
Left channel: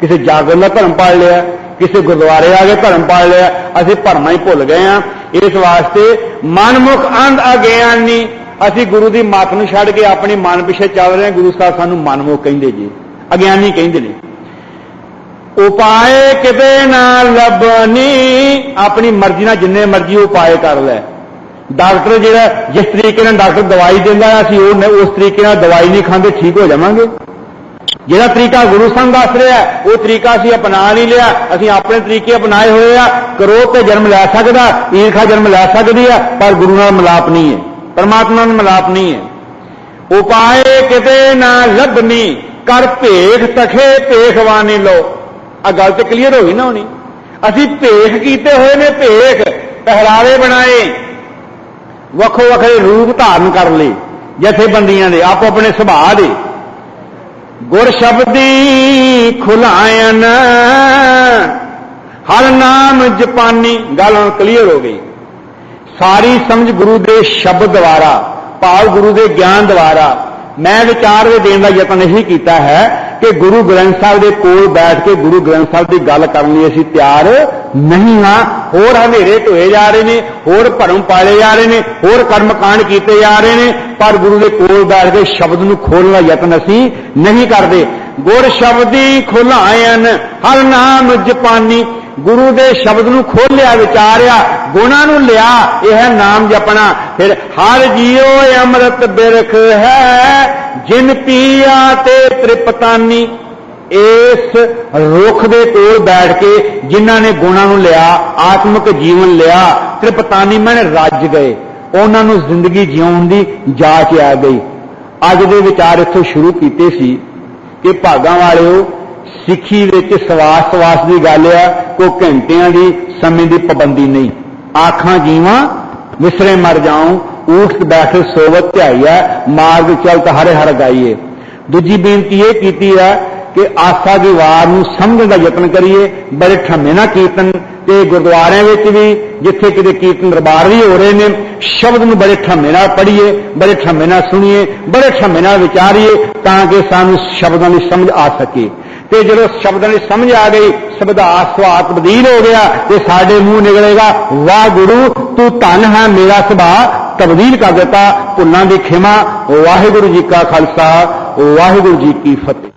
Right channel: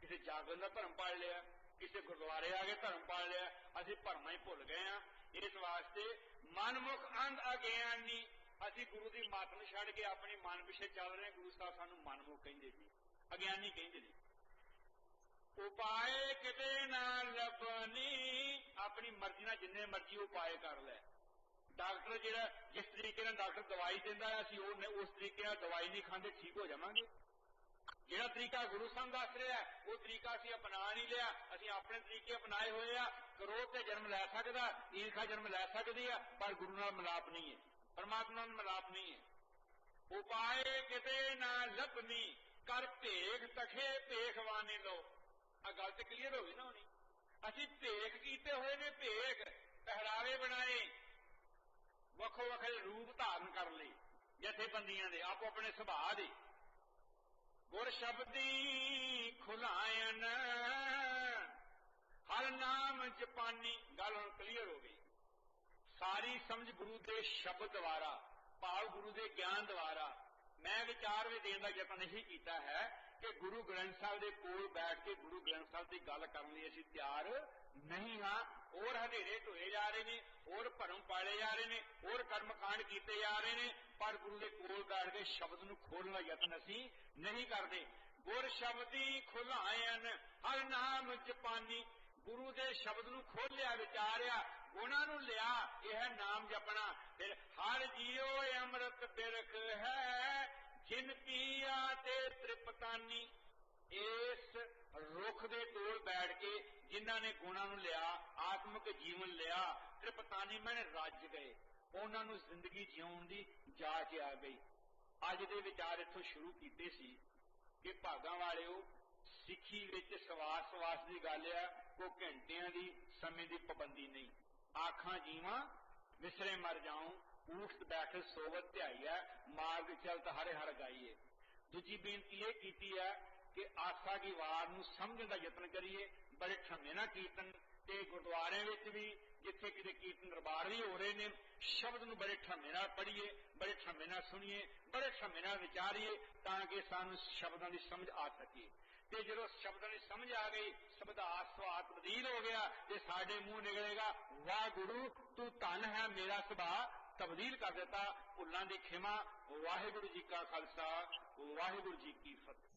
ਕਿਸੇ ਜਾਗਰ ਦਾ ਭਰਮ ਪਾਲ ਲਿਆ, ਕਿਸੇ ਗੁਰਦੁਆਰੇ ਆ ਕੇ ਭਰਮ ਪਾਲ ਲਿਆ, ਅਸੀਂ ਭਰਮਾਂ ਹੀ ਭੁੱਲ ਗਏ ਆ ਇਸ ਵਾਸਤੇ ਮਨਮੁਖ ਅੰਧ ਅਗਿਆਨੀ ਅਸੀਂ ਗੁਰੂ ਦੀ ਮੱਤ ਨੂੰ ਛੱਡ ਕੇ ਆਪਣੀ ਮਨ ਪਿੱਛੇ ਚੱਲ ਰਹੇ ਹਾਂ। ਗੁਰੂ ਸਾਹਿਬ ਸਾਨੂੰ ਮਨਮੁਖ ਕਹਿੰਦੇ ਜੀ, ਅਗਿਆਨੀ ਕਹਿੰਦੇ ਨੇ। ਉਪਾਏ ਕਿਤੇ ਨਾ ਲੱਭਣੀ, ਆਪਣੀ ਮਰਜ਼ੀ ਨਾਲ ਜਿੰਨੇ ਮਰਜ਼ੀ ਉਪਾਏ ਕਰ ਲੈ। ਡਾਕਟਰ ਜਿਹੜਾ ਜਿਸ ਤਰੀਕੇ ਨਾਲ ਡਾਕਟਰ ਦਵਾਈ ਦਿੰਦਾ ਹੈ, ਅਸੀਂ ਉਹ ਉਸ ਤਰੀਕੇ ਨਾਲ ਦਵਾਈ ਨਹੀਂ ਖਾਂਦੇ, ਠੀਕ ਹੋ ਜਾਵਾਂਗੇ। ਜਿਹੜਾ ਤਰੀਕਾ ਗੁਰੂ ਸਾਹਿਬ ਦੱਸ ਰਿਹਾ ਉਹ ਤਰੀਕਾ ਅਸੀਂ ਅਪਣਾ ਨਹੀਂ ਲਿਆ, ਅਸੀਂ ਆਪਣੇ ਤਰੀਕੇ ਅਪਣਾਏ ਹੋਏ ਆ ਕਰੋਧ ਤੇ ਜਨਮ ਲੈ ਸਕਦਾ, ਈਰਖਾ ਜਨਮ ਲੈ ਸਕਦੀ ਆ ਪਰ ਗੁਰੂ ਨਾਲ ਮਿਲਾਪ ਨਹੀਂ ਹੈ, ਪਰਮਾਤਮਾ ਨਾਲ ਮਿਲਾਪ ਨਹੀਂ ਹੈ। ਉਪਾਏ ਕਿਤੇ ਨਾ ਲੱਭਣੀ ਕਰ ਭੇਖ ਤਖੇ ਭੇਖਵਾਨੀ ਲੋ ਆ ਗੱਲ ਤੇ ਕਲੀਅਰ ਹੋ ਗਈ ਨਾ ਹੋਣੀ। ਅਸੀਂ ਭੇਖ ਕੀਤੇ ਹੋਏ ਨੇ ਭੇਖ, ਪਹਿਰਾਵੇ ਬਣਾਏ ਵੱਖੋ ਵੱਖਰੇ ਰੂਪ ਧਾਰਨ ਕਰ ਲਏ ਜਥੇਬੰਦੀਆਂ ਦੇ, ਆਪੋ ਆਪਣੇ ਸੁਭਾਅ ਦੇ। ਗੁਰ ਸ਼ਬਦੀ ਖੁਲਾਇਨ ਹਰ ਨਾਮ ਜਪਾਨੀ, ਗੱਲ ਹੁਣ ਕਲੀਅਰ ਹੋ ਗਈ। ਸਾਰੀ ਸਮਝ ਗੁਰੂ ਦੇ ਸ਼ਬਦ ਦੁਆਰਾ, ਭਾਵ ਗੁਰੂ ਦੇ ਗਿਆਨ ਦੁਆਰਾ, ਮੈਂ ਵਿਚਾਰ ਦੇ ਦੇਣ ਦਾ ਯਤਨ ਇਹੀ ਕੀਤਾ ਹੈ ਕਿ ਗੁਰੂ ਗ੍ਰੰਥ ਸਾਹਿਬ ਦੇ ਕੋਲ ਬੈਠ ਕੇ ਗੁਰੂ ਗ੍ਰੰਥ ਸਾਹਿਬ ਦੀ ਗੱਲ ਕਰਨ ਲਈ ਅਸੀਂ ਤਿਆਰ ਨਹੀਂ ਹਾਂ। ਹੋਰ ਹਨੇਰੇ ਢੋਏ ਜਾ ਰਹੇ ਨੇ, ਹੋਰ ਭਰਮ ਪਾਲੇ ਜਾ ਰਹੇ ਨੇ, ਹੋਰ ਕਰਮ ਕਾਂਡ ਕੀਤੇ ਜਾ ਰਹੇ ਨੇ, ਪਰ ਗੁਰੂ ਦੇ ਕੋਲ ਬੈਠ ਕੇ ਸ਼ਬਦ ਨੂੰ ਖੋਲਣ ਦਾ ਯਤਨ ਅਸੀਂ ਨਹੀਂ ਕਰਦੇ। ਗੁਰ ਸ਼ਬਦੀ ਖੁਲਾਇਨ, ਹਰ ਨਾਮ ਜਪਾਨੀ ਗੁਰੂ ਦੇ ਸ਼ਬਦ ਨੂੰ ਖੋਲਿਆ, ਵਿਚਾਰਿਆ, ਗੁਣਾਂ ਨੂੰ ਲਿਆ, ਇਹ ਹੈ ਨਾਮ ਜਪਣਾ। ਫਿਰ ਹਰ ਜੀਉ ਅੰਮ੍ਰਿਤ ਬਿਰਖ ਹੈ, ਜਿਨ ਪੀਆ ਤੇ ਤ੍ਰਿਪਤਾਨੀ। ਇਸ ਰੁੱਖ ਦੇ ਕੋਲ ਬੈਠ ਕੇ ਜਿਨ੍ਹਾਂ ਨੇ ਗੁਣਾਂ ਨੂੰ ਲਿਆ, ਆਤਮਿਕ ਜੀਵਨ ਲਿਆ, ਤ੍ਰਿਪਤਾਨੀ ਮਨ ਰੱਜ ਗਏ। ਉਹਨਾਂ ਨੂੰ ਜ਼ਿੰਦਗੀ ਜਿਉਣ ਦੀ ਜਾਚ ਆ ਗਈ। ਅੱਜ ਦੇ ਵਿਚਾਰ ਇੱਥੋਂ ਸ਼ੁਰੂ ਕੀਤੇ ਸੀ ਕਿ ਭਾਗਾਂ ਵਾਲਿਓ ਸਿੱਖੀ ਵਿੱਚ ਸਵਾਸ ਸਵਾਸ ਦੀ ਗੱਲ ਆ ਕੋ ਘੰਟਿਆਂ ਦੀ ਸਮੇਂ ਦੀ ਪਾਬੰਦੀ ਨਹੀਂ। ਆਖਾਂ ਜੀਵਾਂ ਵਿਸਰੇ ਮਰ ਜਾਉ, ਊਠ ਬੈਠ ਸੋਵਤ ਧਿਆਈਐ ਮਾਰਗ ਚਲਤ ਹਰੇ ਹਰ ਗਾਈਏ। ਦੂਜੀ ਬੇਨਤੀ ਇਹ ਕੀਤੀ ਹੈ ਕਿ ਆਸਾ ਦੀ ਵਾਰ ਨੂੰ ਸਮਝਣ ਦਾ ਯਤਨ ਕਰੀਏ, ਬੜੇ ਠੰਮੇ ਨਾਲ ਕੀਰਤਨ, ਤੇ ਗੁਰਦੁਆਰਿਆਂ ਵਿੱਚ ਵੀ, ਜਿੱਥੇ ਕਿਤੇ ਕੀਰਤਨ ਦਰਬਾਰ ਵੀ ਹੋ ਰਹੇ ਨੇ, ਸ਼ਬਦ ਨੂੰ ਬੜੇ ਠੰਮੇ ਨਾਲ ਪੜ੍ਹੀਏ, ਬੜੇ ਠੰਮੇ ਨਾਲ ਸੁਣੀਏ, ਬੜੇ ਠੰਮੇ ਨਾਲ ਵਿਚਾਰੀਏ, ਤਾਂ ਕਿ ਸਾਨੂੰ ਸ਼ਬਦਾਂ ਦੀ ਸਮਝ ਆ ਸਕੇ। ਤੇ ਜਦੋਂ ਸ਼ਬਦਾਂ ਦੀ ਸਮਝ ਆ ਗਈ, ਸ਼ਬਦਾ ਸਵਾਦ ਤਬਦੀਲ ਹੋ ਗਿਆ ਤੇ ਸਾਡੇ ਮੂੰਹ ਨਿਕਲੇਗਾ ਵਾਹ ਗੁਰੂ ਤੂੰ ਧਨ ਹੈ, ਮੇਰਾ ਸੁਭਾਅ ਤਬਦੀਲ ਕਰ ਦਿੱਤਾ, ਭੁੱਲਾਂ ਦੀ ਖਿਮਾ, ਵਾਹਿਗੁਰੂ ਜੀ ਕਾ ਖਾਲਸਾ, ਵਾਹਿਗੁਰੂ ਜੀ ਕੀ ਫਤਿਹ।